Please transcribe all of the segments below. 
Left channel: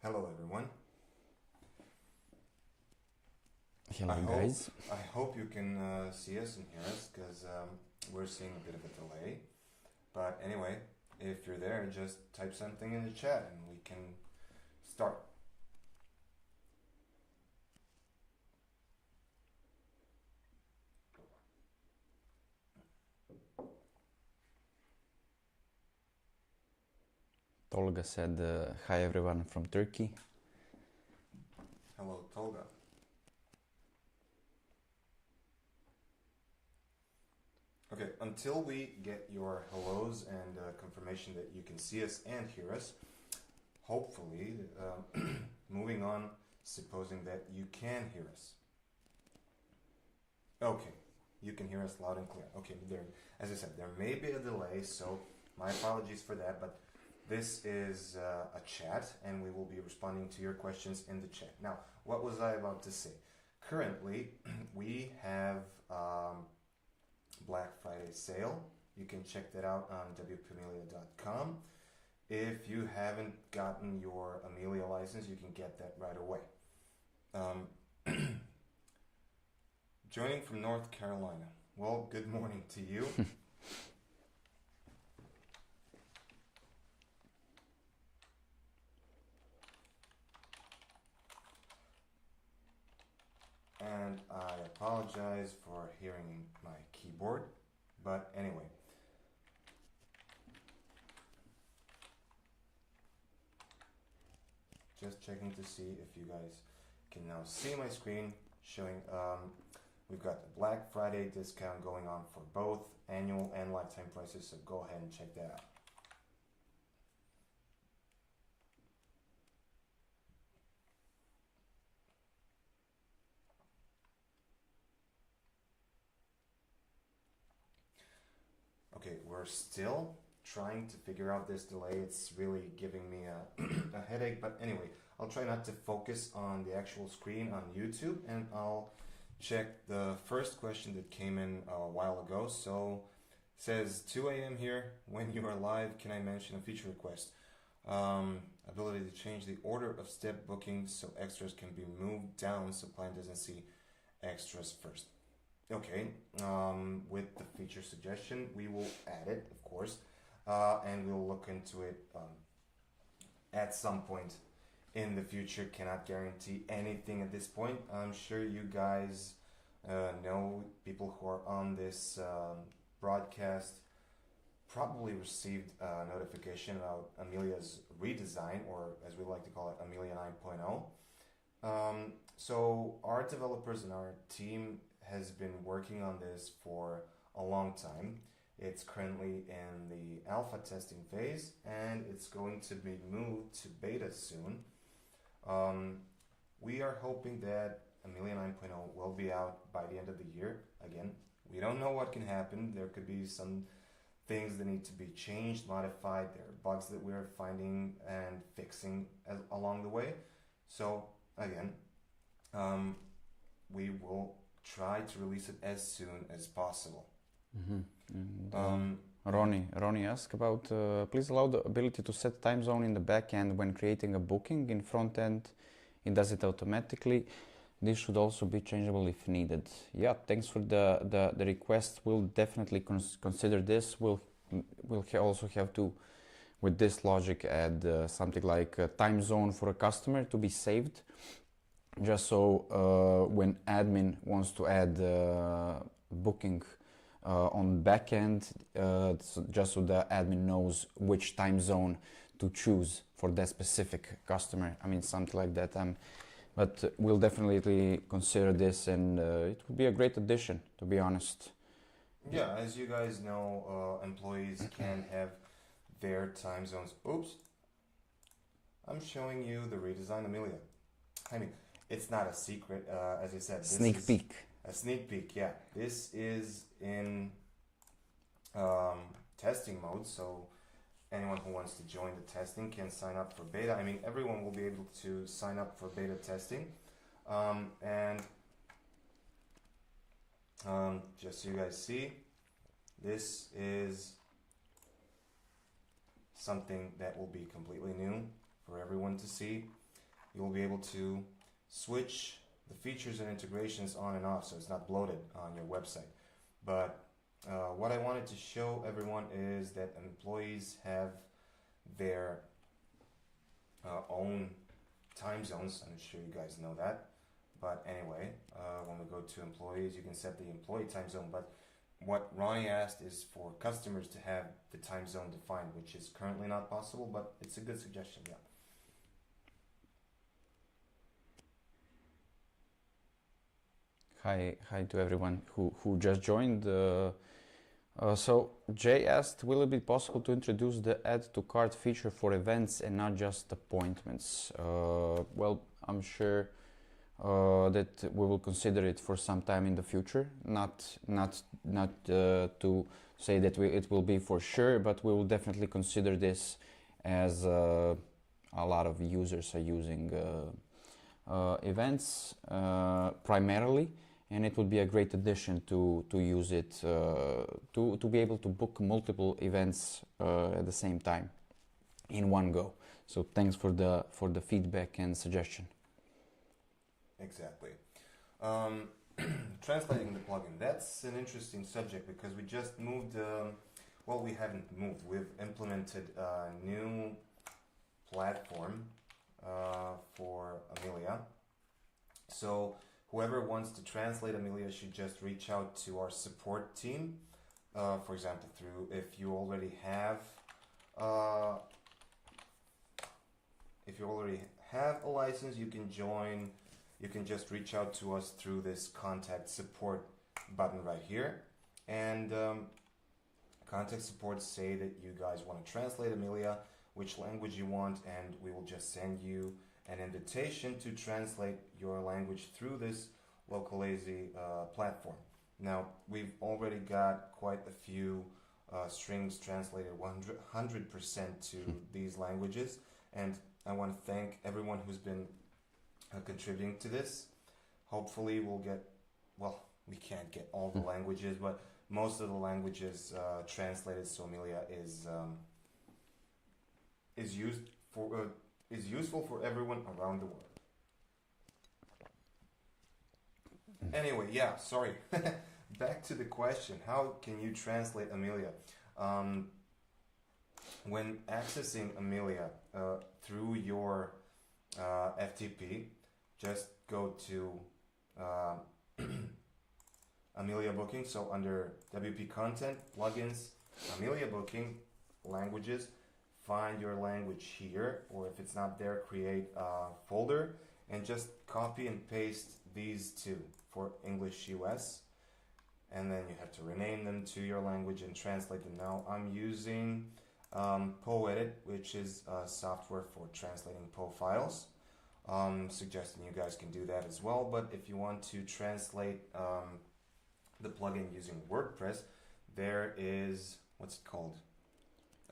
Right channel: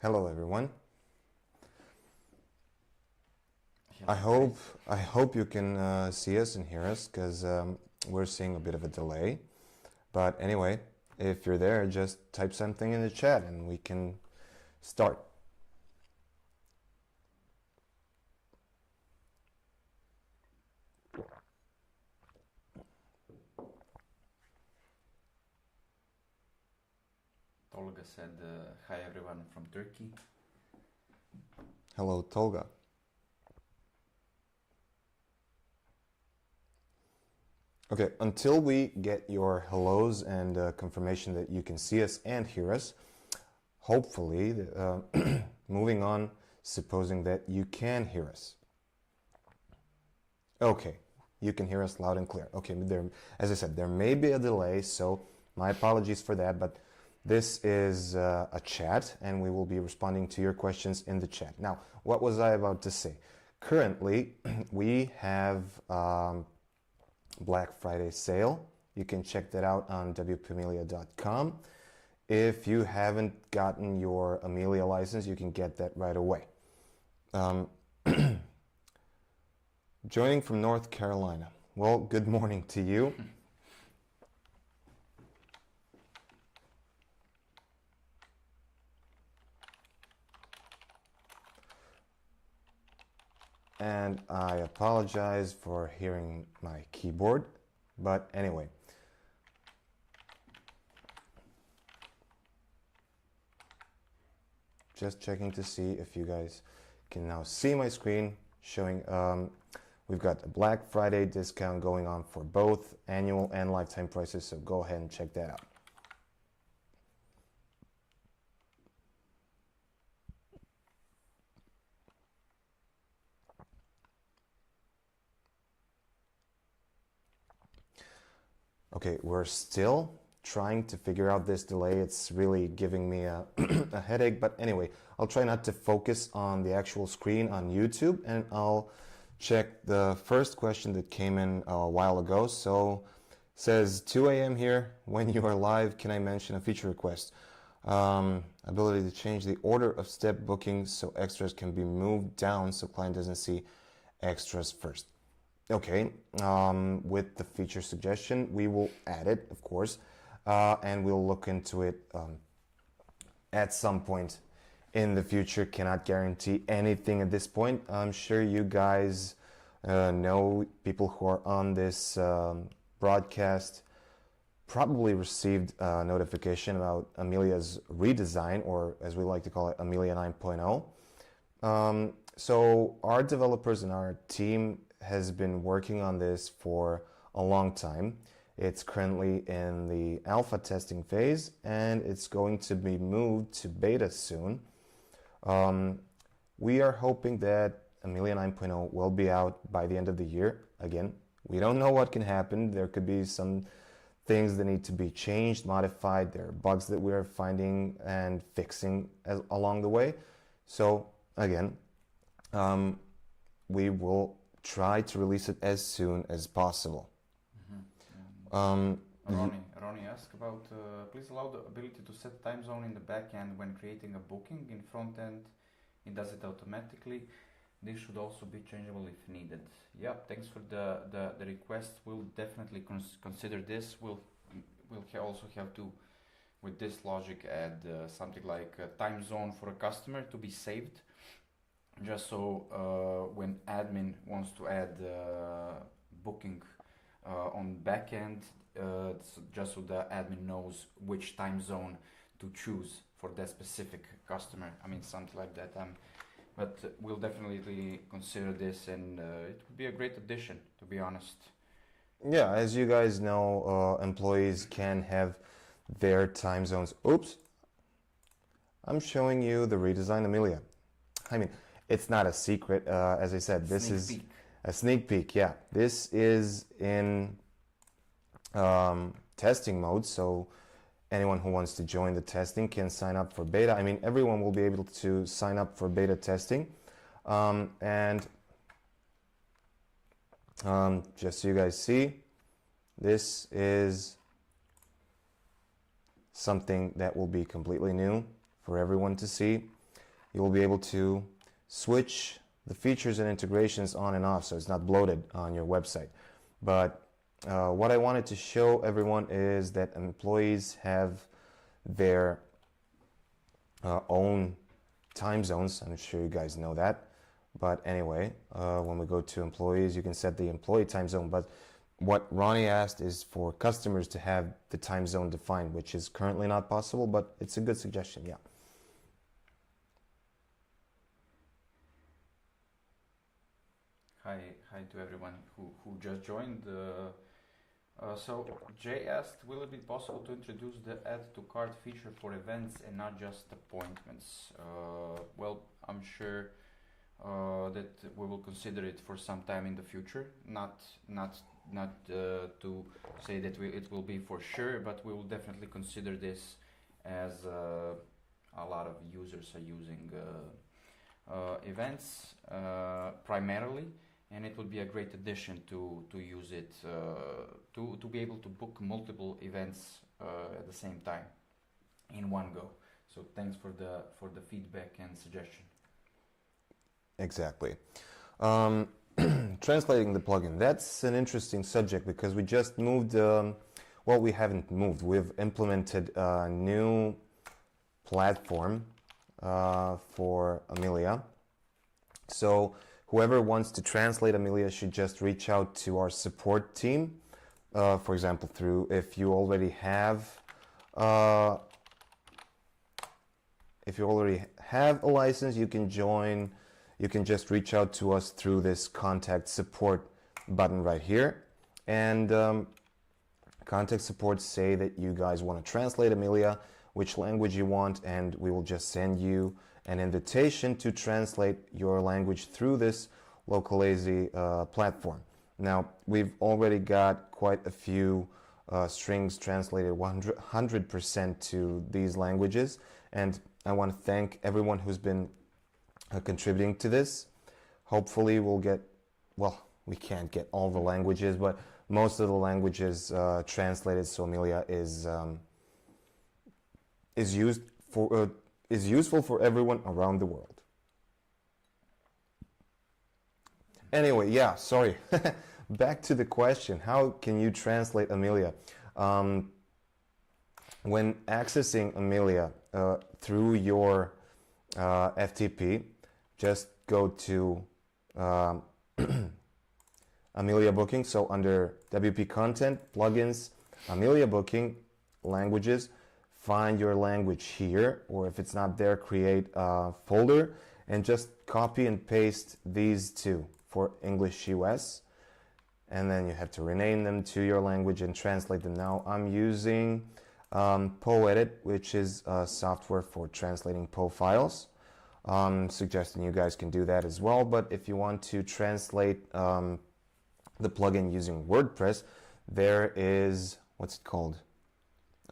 Hello everyone. Hello, I hope you can see us and hear us because we're seeing a bit of a delay. But anyway, if you're there, just type something in the chat and we can start. Tolga said, hi everyone from Turkey. Hello, Tolga. Okay, until we get your hellos and confirmation that you can see us and hear us, hopefully, moving on, supposing that you can hear us. Okay, you can hear us loud and clear. Okay, as I said, there may be a delay, so my apologies for that, but this is a chat and we will be responding to your questions in the chat. Now, what was I about to say? Currently, we have Black Friday sale. You can check that out on wpamelia.com. If you haven't gotten your Amelia license, you can get that right away. Joining from North Carolina. Well, good morning to you. And I apologize for hearing my keyboard, but anyway. Just checking to see if you guys can now see my screen showing we've got a Black Friday discount going on for both annual and lifetime prices, so go ahead and check that out. Okay, we're still trying to figure out this delay. It's really giving me a, a headache, but anyway, I'll try not to focus on the actual screen on YouTube, and I'll check the first question that came in a while ago. So it says 2 a.m. here. When you are live, can I mention a feature request? Ability to change the order of step bookings so extras can be moved down so client doesn't see extras first. Okay, with the feature suggestion, we will add it, of course, and we'll look into it at some point in the future. Cannot guarantee anything at this point. I'm sure you guys know, people who are on this broadcast probably received a notification about Amelia's redesign, or as we like to call it, Amelia 9.0. So our developers and our team has been working on this for a long time. It's currently in the alpha testing phase and it's going to be moved to beta soon. We are hoping that Amelia 9.0 will be out by the end of the year. Again, we don't know what can happen. There could be some things that need to be changed, modified. There are bugs that we are finding and fixing along the way. So again, we will try to release it as soon as possible. Ronnie asked about, please allow the ability to set time zone in the back end when creating a booking. In front end, it does it automatically. This should also be changeable if needed. Yeah, thanks for the request. We'll definitely consider this. We'll also have to, with this logic, add something like a time zone for a customer to be saved. Just so when admin wants to add booking on backend, just so the admin knows which time zone to choose for that specific customer. I mean, something like that. But we'll definitely consider this, and it would be a great addition, to be honest. Yeah, as you guys know, employees can have their time zones. Oops, I'm showing you the redesigned Amelia. I mean, it's not a secret, as I said, this is Sneak peek. a sneak peek. Yeah, this is in testing mode, so anyone who wants to join the testing can sign up for beta. I mean, everyone will be able to sign up for beta testing, and just so you guys see, this is something that will be completely new for everyone to see. you will be able to switch the features and integrations on and off so it's not bloated on your website. But what I wanted to show everyone is that employees have their own time zones. I'm sure you guys know that. But anyway, when we go to employees, you can set the employee time zone. But what Ronnie asked is for customers to have the time zone defined, which is currently not possible, but it's a good suggestion, yeah. Hi to everyone who just joined. So Jay asked, will it be possible to introduce the add to cart feature for events and not just appointments? Well, I'm sure that we will consider it for some time in the future. Not to say that it will be for sure, but we will definitely consider this as a lot of users are using events primarily. And it would be a great addition to use it, to be able to book multiple events at the same time in one go. So thanks for the feedback and suggestion. Exactly. Translating the plugin, that's an interesting subject because we just moved, well, we haven't moved, we've implemented a new platform for Amelia. So whoever wants to translate Amelia should just reach out to our support team. For example, if you already have a license, you can join. You can just reach out to us through this contact support button right here. And contact support say that you guys want to translate Amelia, which language you want, and we will just send you an invitation to translate your language through this Localazy platform. Now, we've already got quite a few strings translated 100% to these languages, and I want to thank everyone who's been contributing to this. Hopefully we'll get, well, we can't get all the languages, but most of the languages translated, so Amelia is useful for everyone around the world. Anyway, yeah, sorry. Back to the question, how can you translate Amelia? When accessing Amelia through your FTP, just go to Amelia Booking. So under WP Content, Plugins, Amelia Booking, Languages, find your language here, or if it's not there, create a folder and just copy and paste these two for English US, and then you have to rename them to your language and translate them. Now I'm using PoEdit, which is a software for translating PO files. Suggesting you guys can do that as well, but if you want to translate the plugin using WordPress, there is, what's it called?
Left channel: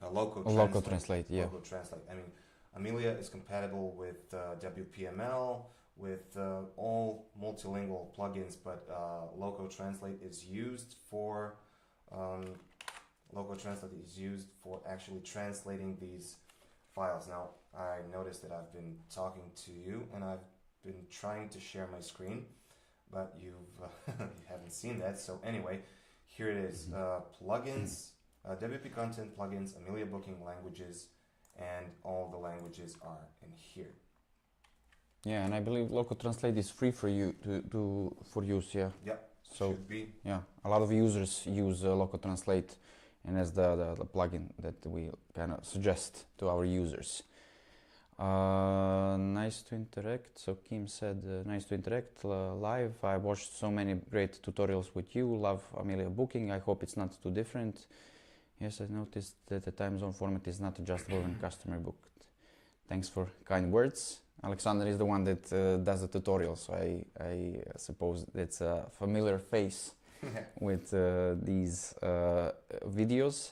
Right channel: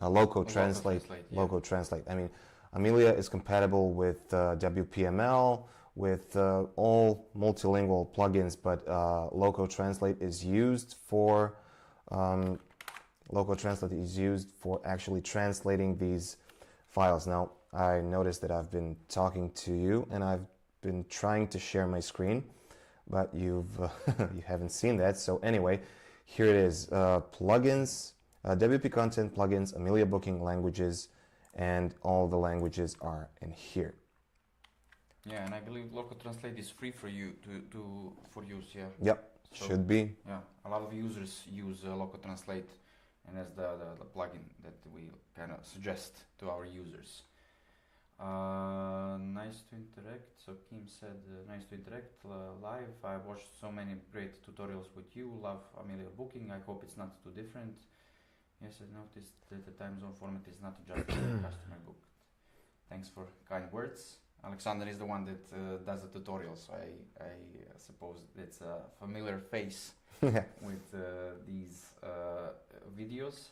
Loco Translate. Yeah. Loco Translate. I mean, Amelia is compatible with WPML, with all multilingual plugins, but Loco Translate is used for actually translating these files. Now, I noticed that I've been talking to you and I've been trying to share my screen, but you haven't seen that. So anyway, here it is: plugins, WP Content, plugins, Amelia Booking, languages, and all the languages are in here. Yeah, and I believe Loco Translate is free for you for use. Yeah. Yep, so, should be. Yeah, a lot of users use Loco Translate, and as the plugin that we kind of suggest to our users. Nice to interact. So Kim said, nice to interact live. I watched so many great tutorials with you. Love Amelia Booking. I hope it's not too different. Yes, I noticed that the time zone format is not just letting customer booked. Thanks for kind words. Alexander is the one that does the tutorial, so I suppose it's a familiar face with these videos.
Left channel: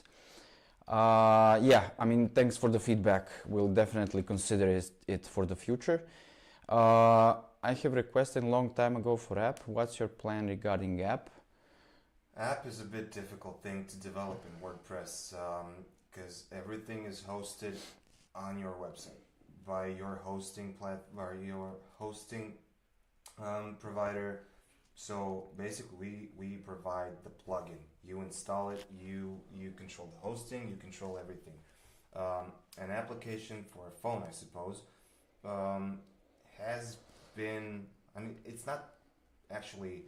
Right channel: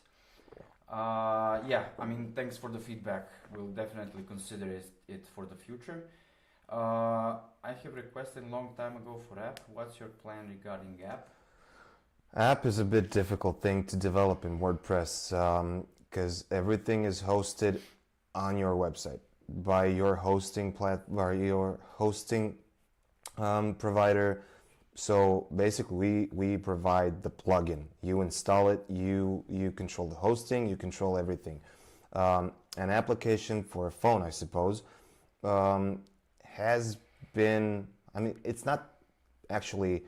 Yeah, I mean, thanks for the feedback. We'll definitely consider it for the future. I have requested a long time ago for app. What's your plan regarding app? App is a bit difficult thing to develop in WordPress because everything is hosted on your website. by your hosting provider. So basically, we provide the plugin. You install it. You control the hosting. You control everything. An application for a phone, I suppose, has been. I mean, it's not actually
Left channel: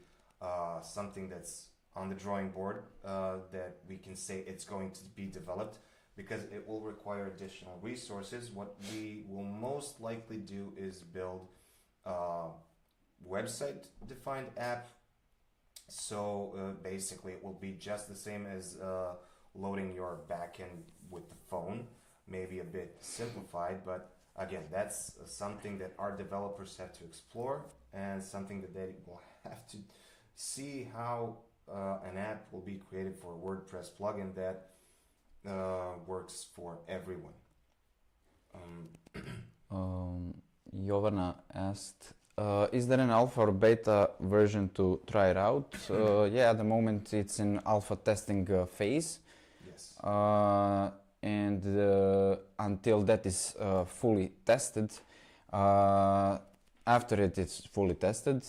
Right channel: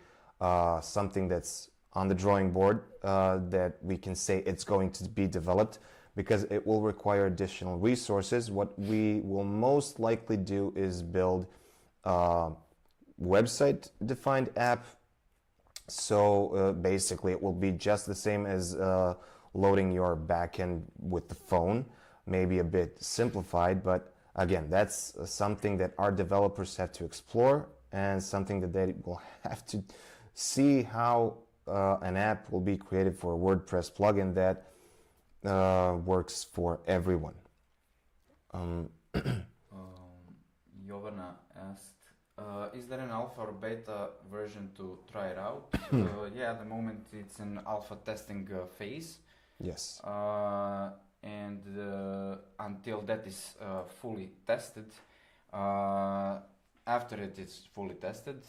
something that's on the drawing board that we can say it's going to be developed, because it will require additional resources. What we will most likely do is build a website defined app. So basically it will be just the same as loading your backend with the phone, maybe a bit simplified, but again, that's something that our developers have to explore, and something that they will have to see how an app will be created for a WordPress plugin that works for everyone. Jovana asked, is there an alpha or beta version to try it out? Yeah, at the moment it's in alpha testing phase. Yes. And until that is fully tested, after it is fully tested,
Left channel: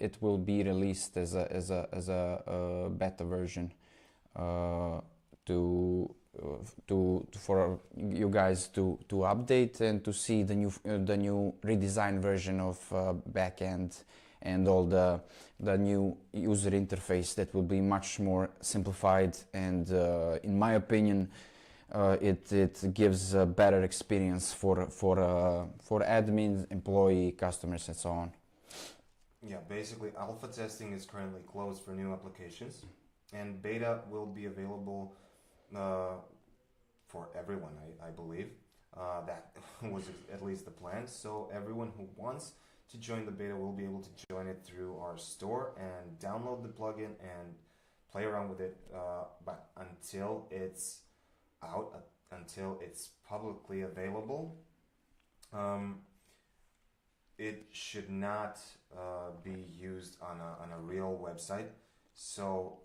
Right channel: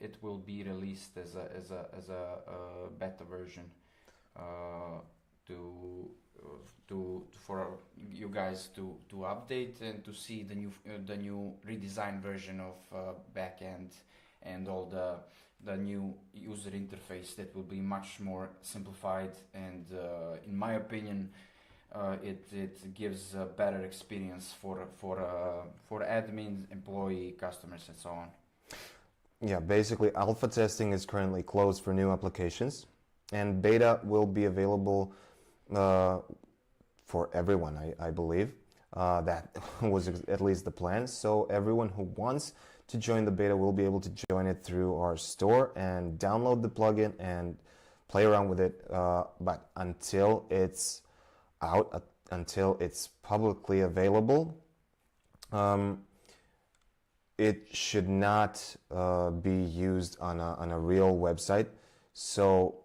it will be released as a beta version for you guys to update and to see the new redesigned version of backend and all the new user interface that will be much more simplified, and in my opinion it gives a better experience for admins, employee, customers, and so on. Yeah, basically alpha testing is currently closed for new applications, and beta will be available for everyone, I believe. That was at least the plan. So everyone who wants to join the beta will be able to join it through our store and download the plugin and play around with it. But until it's out, until it's publicly available, it should not be used on a real website. So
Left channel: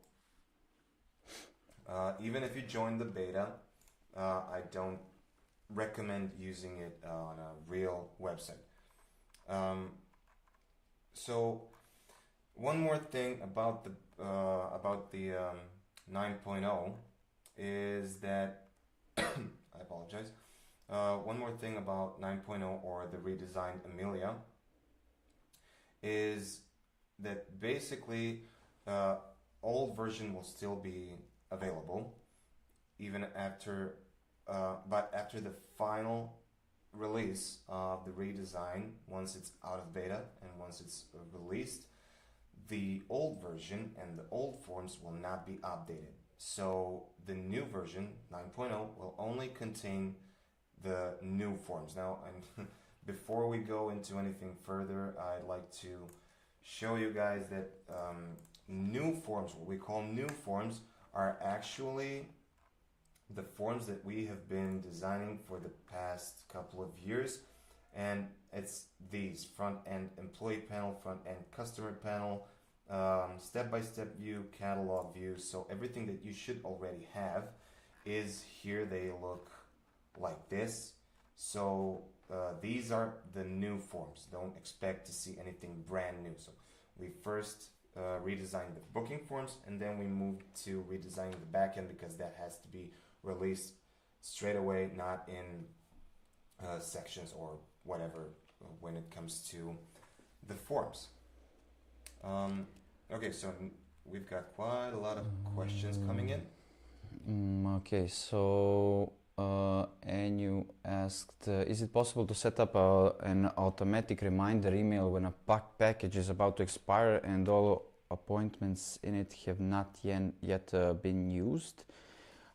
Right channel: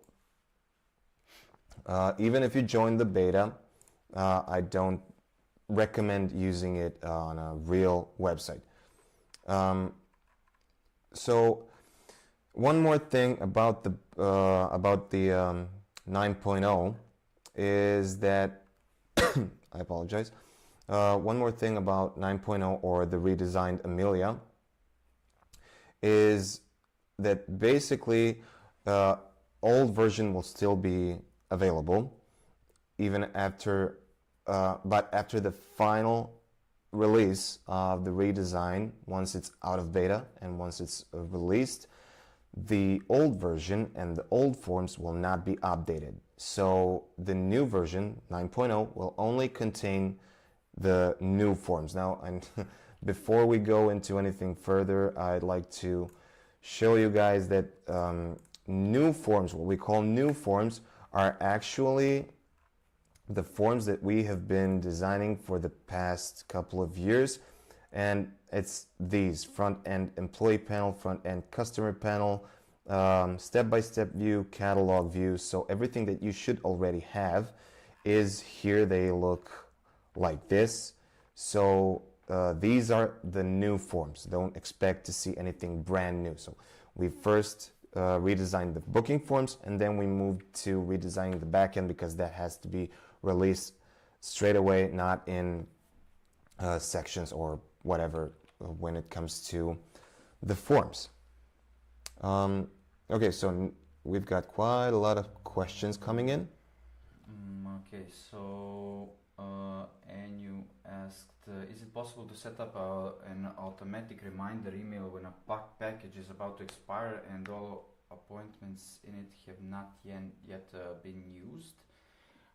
even if you join the beta, I don't recommend using it on a real website. So one more thing about the 9.0 is that I apologize. One more thing about 9.0 or the redesigned Amelia is that basically old version will still be available even after but after the final release of the redesign, once it's out of beta and once it's released, the old version and the old forms will not be updated. So the new version 9.0 will only contain the new forms. Now, before we go into anything further, I'd like to show you guys that new forms, what we call new forms, are actually the forms that we have been designing for the past couple of years. And it's these: front-end employee panel, front-end customer panel, step-by-step view, catalog view. So everything that you should already have is here. They look like this. So these are the new forms. Don't expect to see anything brand new. So we first redesigned the booking forms, and then we moved to redesigning the backend, because that has to be released straight away, not in sections or whatever when it comes to the forms. Okay, so we've got quite a lot of questions coming in. Okay, so Anu asked, is it possible to set up an automatic reminder email when a package is about to expire and all appointments in it have not yet been used?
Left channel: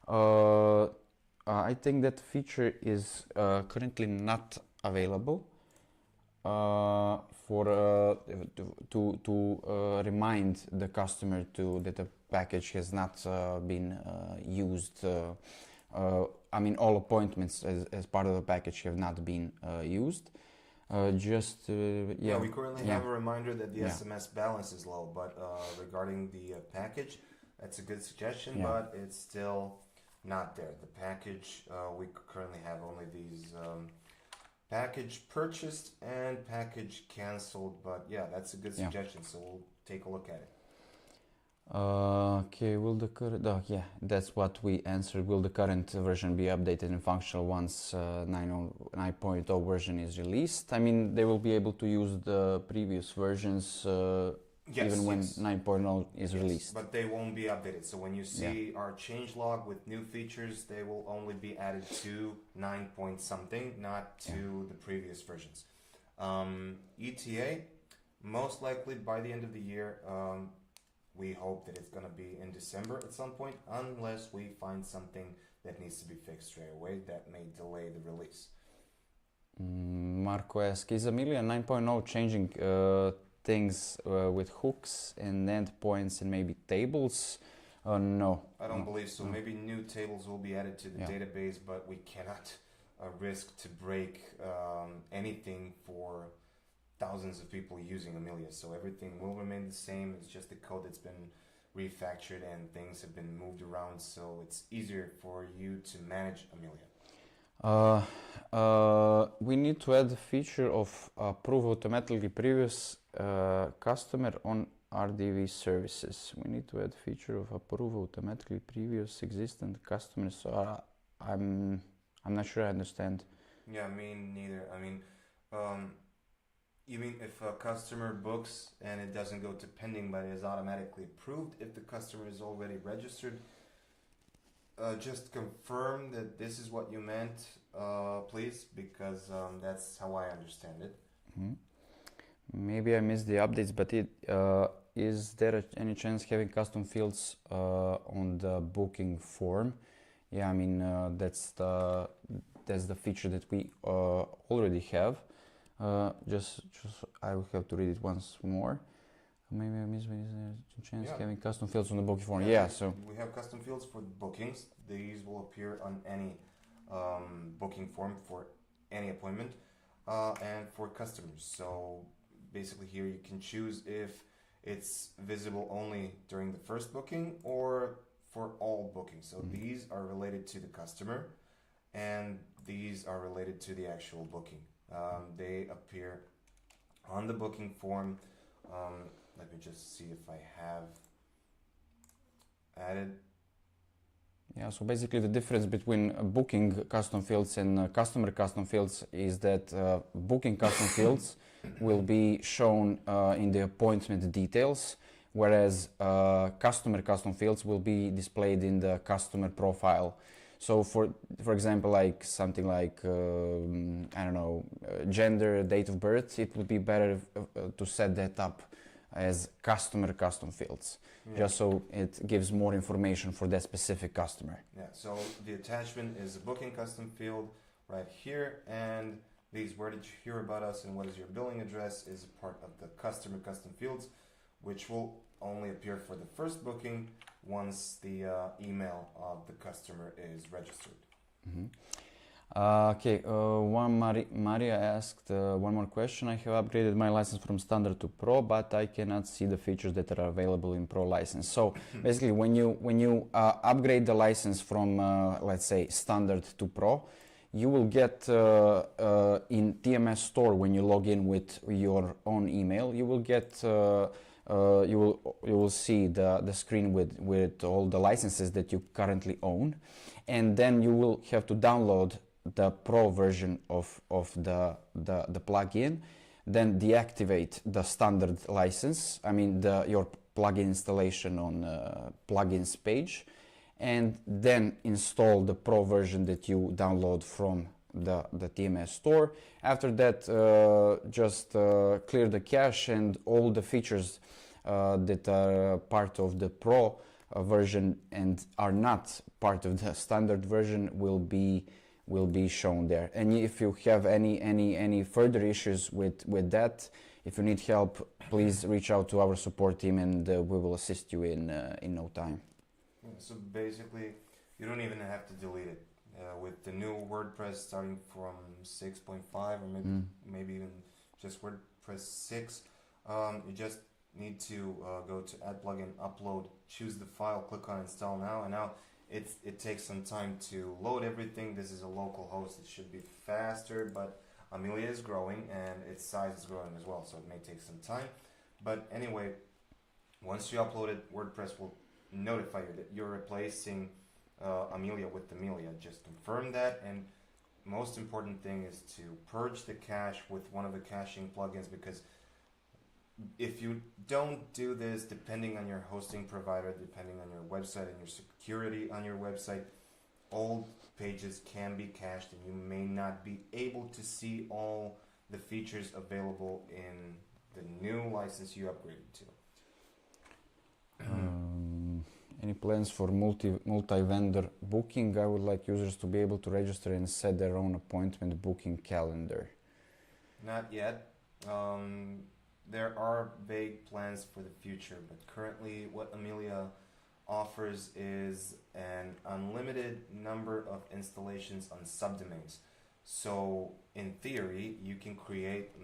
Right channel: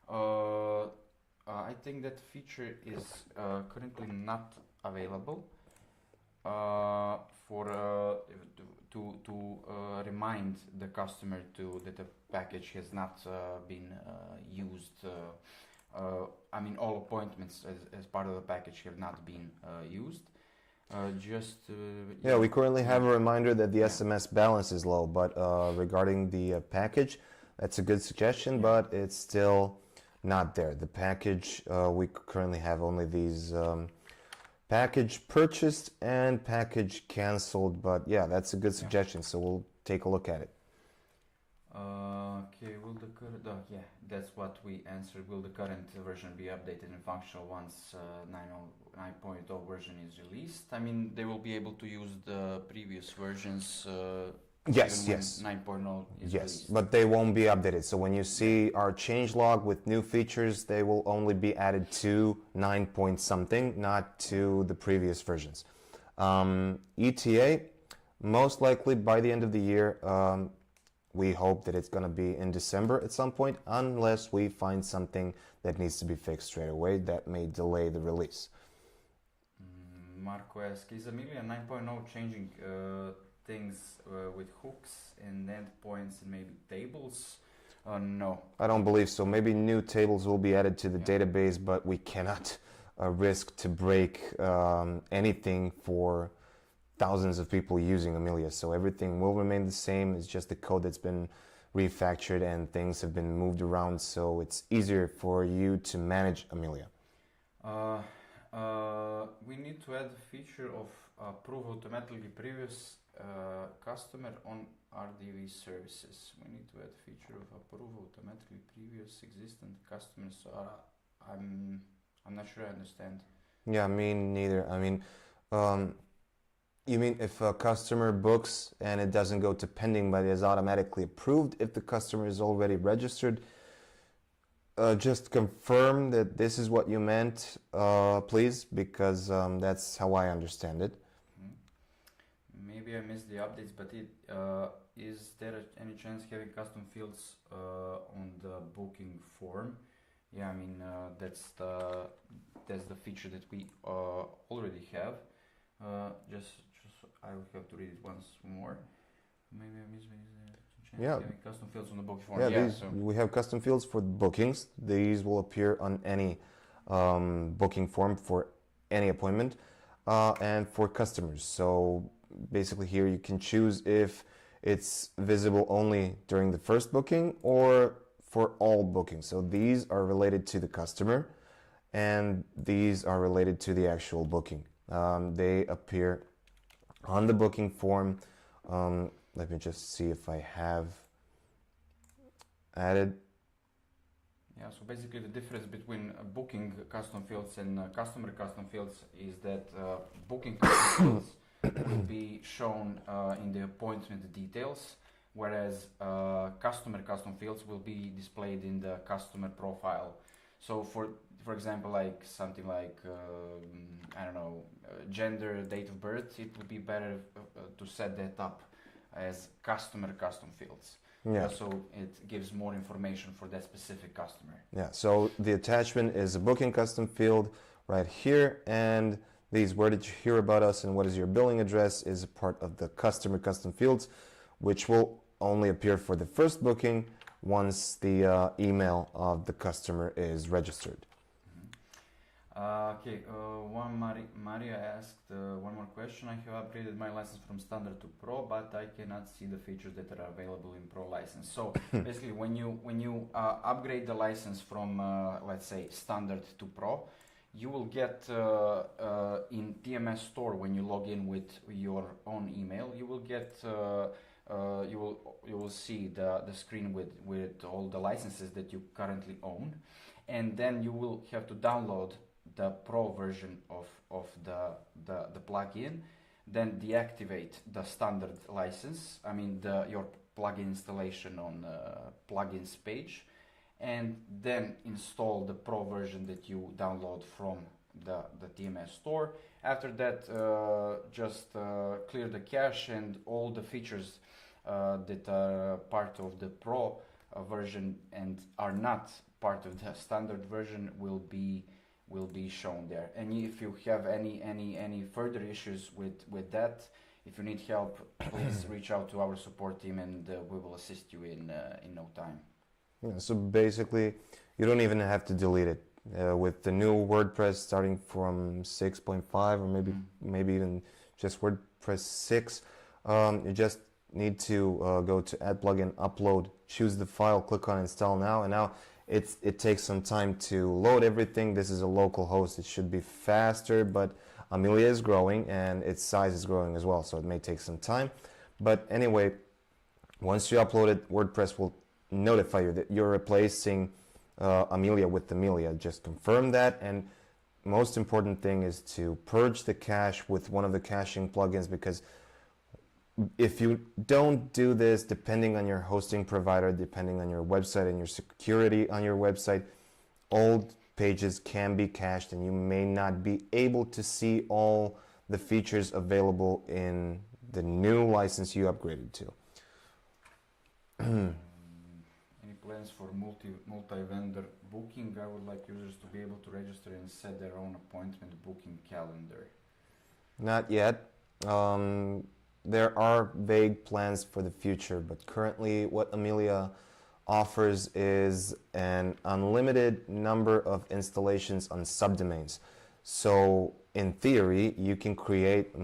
I think that feature is currently not available to remind the customer that the package has not been used. I mean, all appointments as part of the package have not been used. We currently have a reminder that the SMS balance is low, but regarding the package, that's a good suggestion, but it's still not there. The package, we currently have only these package purchased and package canceled. But yeah, that's a good suggestion. So we'll take a look at it. Okay, will the current, yeah, that's what we answered. Will the current version be updated and functional once 9.0 version is released? I mean, they will be able to use the previous versions even when 9.0 is released. But they won't be updated. So when you see our changelog with new features, they will only be added to 9 point something, not to the previous versions. ETA, most likely by the end of the year. We hope that it's going to be in December at some point, unless we find something that needs to be fixed straight away that may delay the release. Marco asks, is Amelia 9.0 changing things with hooks and endpoints and maybe tables? No. I don't believe so. Maybe new tables will be added to the database, but we cannot risk to break anything for thousands of people using Amelia, so everything will remain the same. It's just the code that's been refactored and things have been moved around, so it's easier for you to manage Amelia. We need to add the feature of approve automatically previous customer on RDV services. We need to add feature of approve automatically previous existing customers. So I'm not sure I understand. Yeah, me neither. I mean, you mean if a customer books and it doesn't go to pending but is automatically approved if the customer is already registered? Just confirm that this is what you meant, please, because that's how I understand it. Maybe I missed the updates, but is there any chance having custom fields on the booking form? Yeah, I mean that's the feature that we already have. Just I will have to read it once more. Maybe I missed a chance having custom fields on the booking form. So we have custom fields for bookings. These will appear on any booking form for any appointment and for customers. So basically here you can choose if it's visible only during the first booking or for all bookings. So these are related to the customer and these are related to the actual booking. They appear on the booking form. Let me just see if I have added. Yeah, so basically the difference between booking custom fields and customer custom fields is that booking custom fields will be shown in the appointment details, whereas customer custom fields will be displayed in the customer profile. So for example, like something like, I don't know, gender, date of birth, it would be better to set that up as customer custom fields. Just so it gives more information for that specific customer. Yeah, so the attachment is a booking custom field right here, and these where did you hear about us and what is your billing address is a part of the customer custom fields, which will only appear for the first booking once the email of the customer is registered. Okay, Maria asked one more question. I have upgraded my license from standard to pro, but I cannot see the features that are available in pro license. So basically when you upgrade the license from let's say standard to pro, you will get in TMS store, when you log in with your own email, you will get you will see the screen with all the licenses that you currently own, and then you will have to download the pro version of the plugin, then deactivate the standard license, I mean your plugin installation on plugins page, and then install the pro version that you download from the TMS store. After that, just clear the cache, and all the features that are part of the pro version and are not part of the standard version will be shown there. And if you have any further issues with that, if you need help, please reach out to our support team, and we will assist you in no time. Yeah, so basically you don't even have to delete it. With the new WordPress starting from 6.5 or maybe even just WordPress 6, you just need to go to add plugin, upload, choose the file, click on install now, and now it takes some time to load everything. This is a local host, it should be faster, but Amelia is growing and its size is growing as well, so it may take some time. But anyway, once you upload it, WordPress will notify you that you're replacing Amelia with Amelia. Just confirm that, and most important thing is to purge the cache with one of the caching plugins, because if you don't do this, depending on your hosting provider, depending on your website and your security on your website, old pages can be cached and you may not be able to see all the features available in the new license you upgraded to. Any plans for multi-vendor booking? I would like users to be able to register and set their own appointment booking calendar. Not yet. There are vague plans for the future, but currently what Amelia offers is an unlimited number of installations on subdomains. So in theory, you can create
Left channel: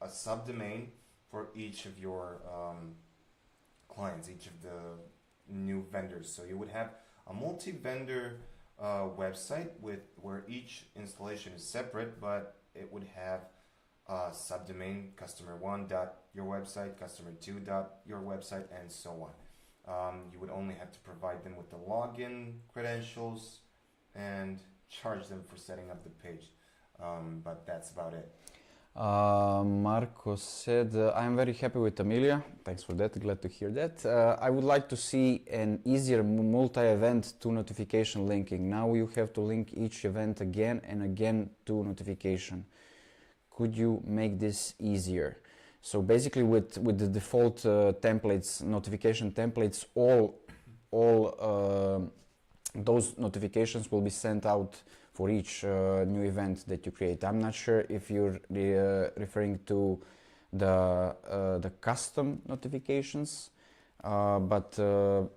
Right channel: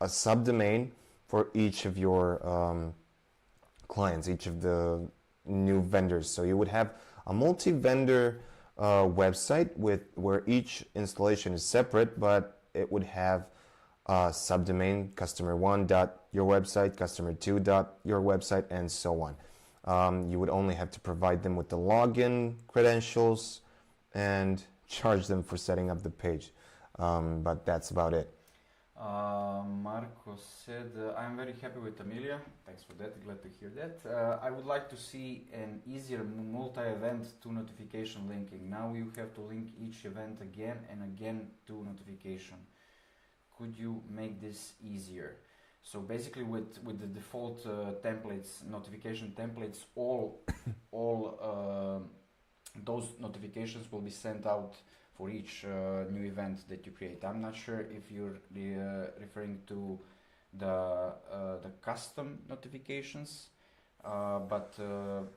a subdomain for each of your clients, each of the new vendors. So you would have a multi-vendor website where each installation is separate, but it would have subdomain customer1.yourwebsite, customer2.yourwebsite, and so on. You would only have to provide them with the login credentials and charge them for setting up the page. But that's about it. Marco said, I'm very happy with Amelia. Thanks for that, glad to hear that. I would like to see an easier multi-event to notification linking. Now you have to link each event again and again to notification. Could you make this easier? So basically with the default templates, notification templates, all those notifications will be sent out for each new event that you create. I'm not sure if you're referring to the custom notifications, but the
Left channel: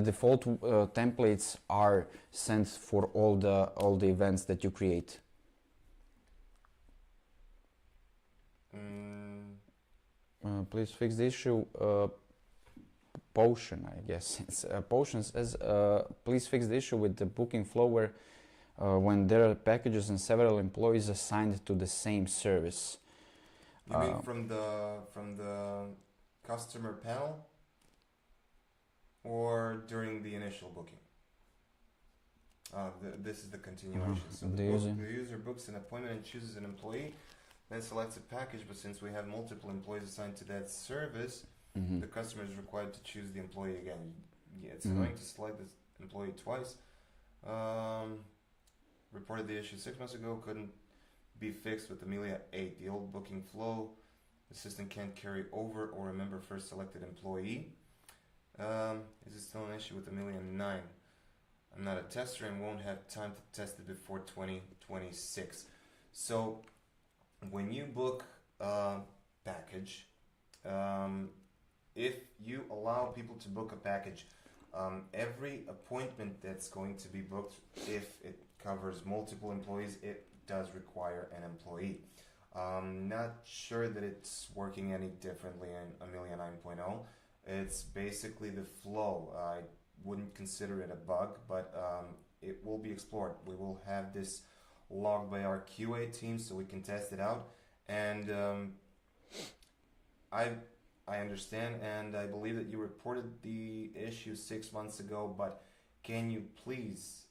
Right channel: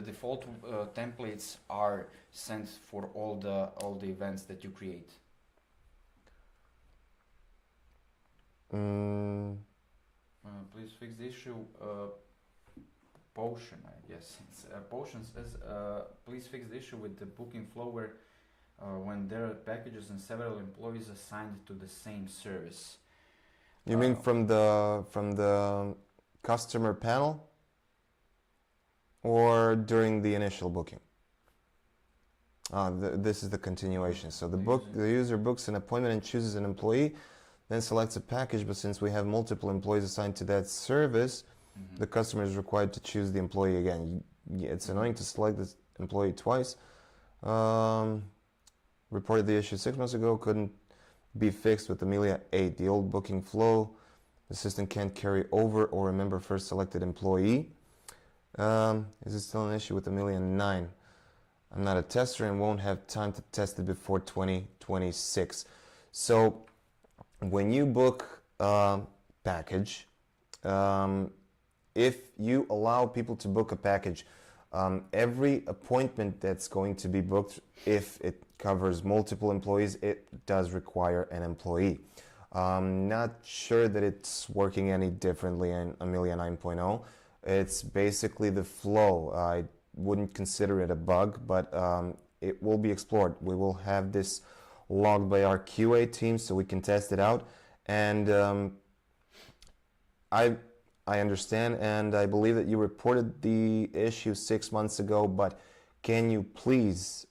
default templates are sent for all the events that you create. Please fix the issue. Potion, I guess. It's Potion says, please fix the issue with the booking flow where when there are packages and several employees assigned to the same service. You mean from the customer panel or during the initial booking? This is the continuation. So the user books an appointment and chooses an employee, then selects a package, but since we have multiple employees assigned to that service, the customer is required to choose the employee again. It's annoying to select this employee twice. Reported the issue 6 months ago, couldn't be fixed with Amelia 8. The old booking flow, the system can't carry over or remember first selected employee. Is it still an issue with Amelia 9? I'm not a tester and won't have time to test it before 2026. So when you book a package, if you allow people to book a package, every appointment that's going to be booked, if it covers multiple employees, it does require an employee. Not sure that it's working any differently in Amelia 9.0. It's basically the flow. I wouldn't consider it a bug, but it will be explored. We will have this logged by our QA team so we can test it out. And I understand and I believe that you reported the issue 6 months ago, but can you please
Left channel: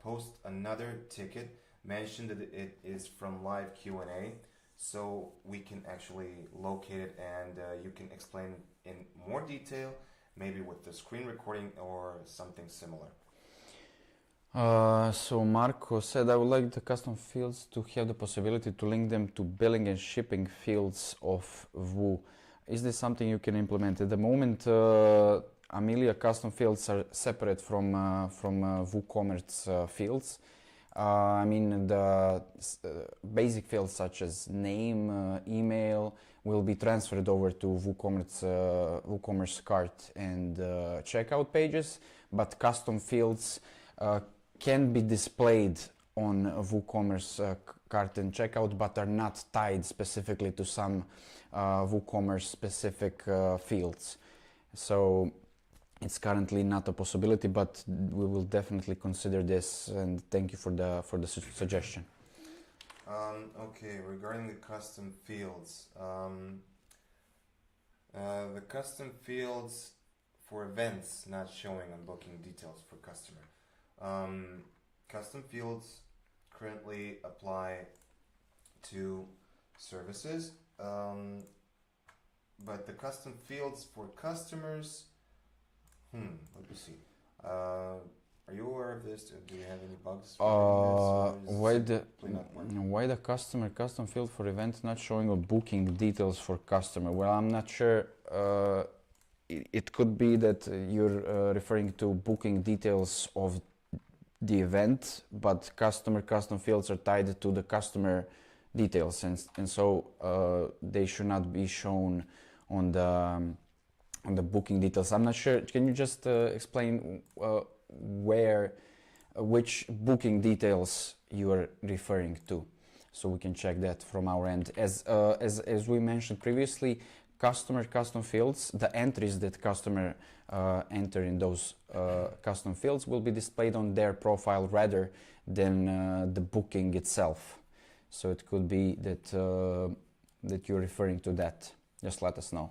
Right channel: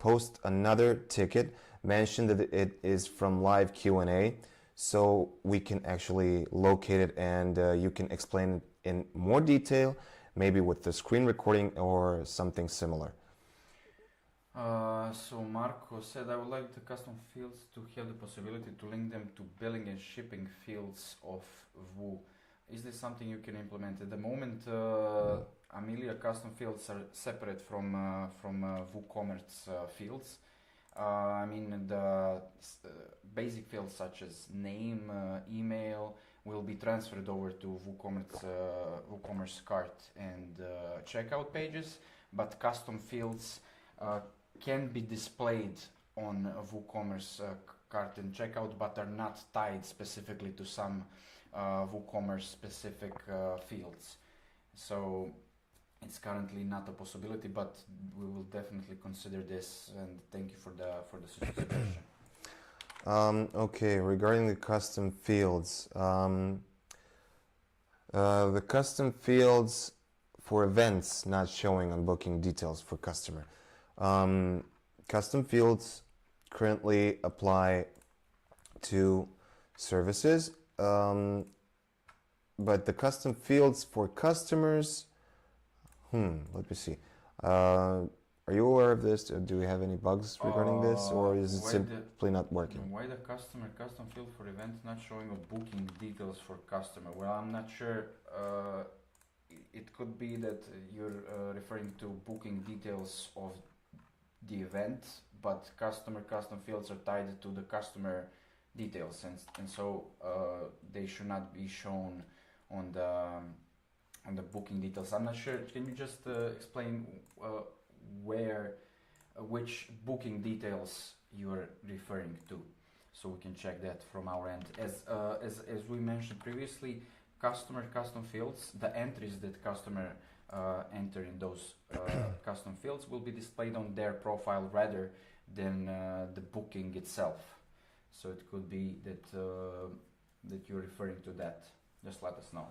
post another ticket, mention that it is from live Q&A so we can actually locate it and you can explain it in more detail, maybe with the screen recording or something similar. So Marco said, I would like the custom fields to have the possibility to link them to billing and shipping fields of Vue. Is this something you can implement? At the moment, Amelia custom fields are separate from WooCommerce fields. I mean, the basic fields such as name, email will be transferred over to WooCommerce cart and checkout pages, but custom fields can be displayed on WooCommerce cart and checkout, but are not tied specifically to some WooCommerce specific fields. So it's currently not a possibility, but we will definitely consider this, and thank you for the suggestion. Okay, regarding the custom fields, the custom fields for events not showing on booking details for customer. Custom fields currently apply to services, but the custom fields for customers, let me see. Are you aware of this? Do we have any bugs regarding this, or is it simply not working? Why the customer custom field for events not showing a booking details for customer? Well, I'm not sure. It could be that you're referring to booking details of the event, but customer custom fields are tied to the customer details, and so they should not be shown on the booking details. I'm not sure. Can you just explain which booking details you are referring to, so we can check that from our end? As we mentioned previously, customer custom fields, the entries that customer enter in those custom fields will be displayed on their profile rather than the booking itself. So it could be that that you're referring to that. Just let us know.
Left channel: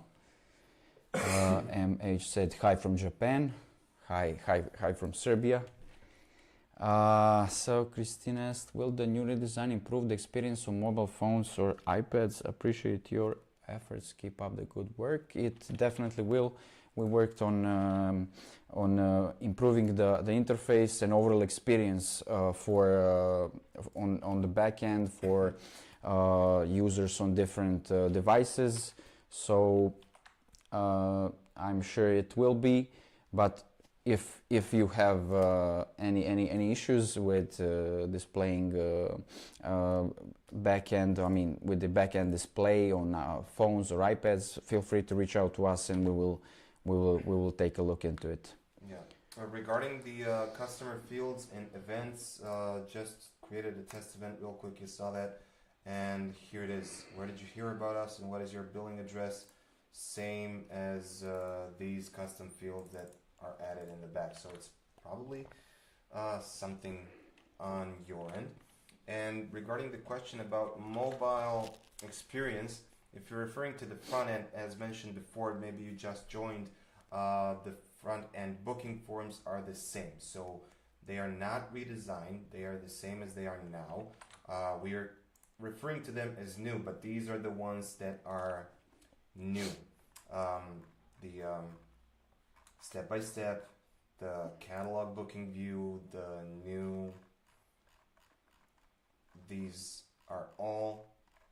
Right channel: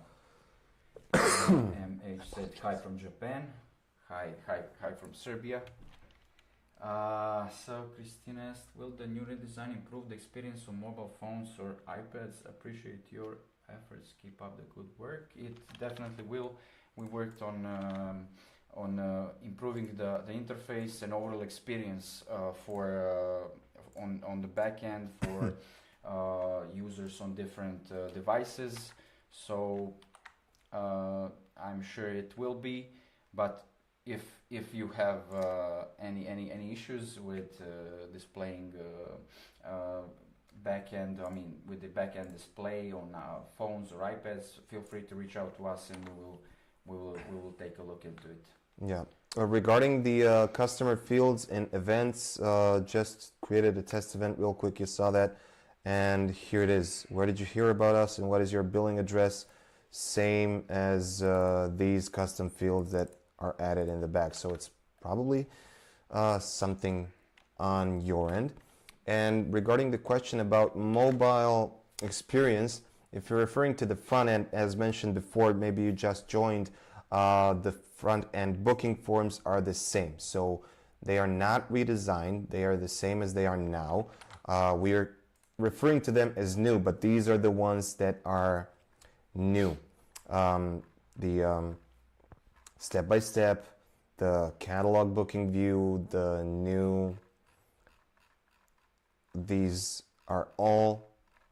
MH said hi from Japan. Hi from Serbia. So Christina asked, will the new redesign improve the experience on mobile phones or iPads? Appreciate your efforts. Keep up the good work. It definitely will. We worked on improving the interface and overall experience on the back end for users on different devices. So I'm sure it will be, but if you have any issues with displaying backend, with the backend display on phones or iPads, feel free to reach out to us, and we will take a look into it. Yeah. Regarding the customer fields and events, just created a test event real quick. You saw that, and here it is. Where did you hear about us, and what is your billing address? Same as these custom fields that are added in the back. So it's probably something on your end. And regarding the question about mobile experience, if you're referring to the front end, as mentioned before, maybe you just joined, the front end booking forms are the same. So they are not redesigned. They are the same as they are now. We're referring to them as new, but these are the ones that are new. The step-by-step, the catalog booking view, the new, these are all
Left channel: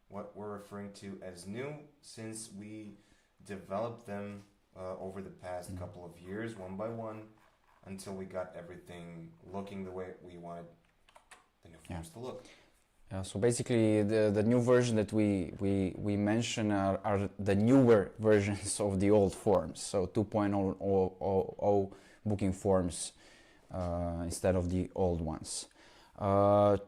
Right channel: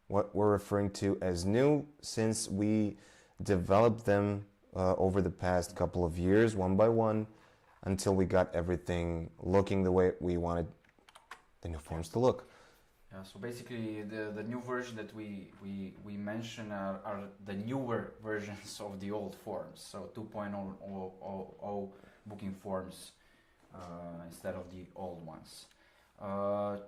what we're referring to as new, since we developed them over the past couple of years, one by one, until we got everything looking the way we wanted the new forms to look. So basically, the new version that we mention are the newer versions of the old forms. So 2.0 booking forms instead of the old ones.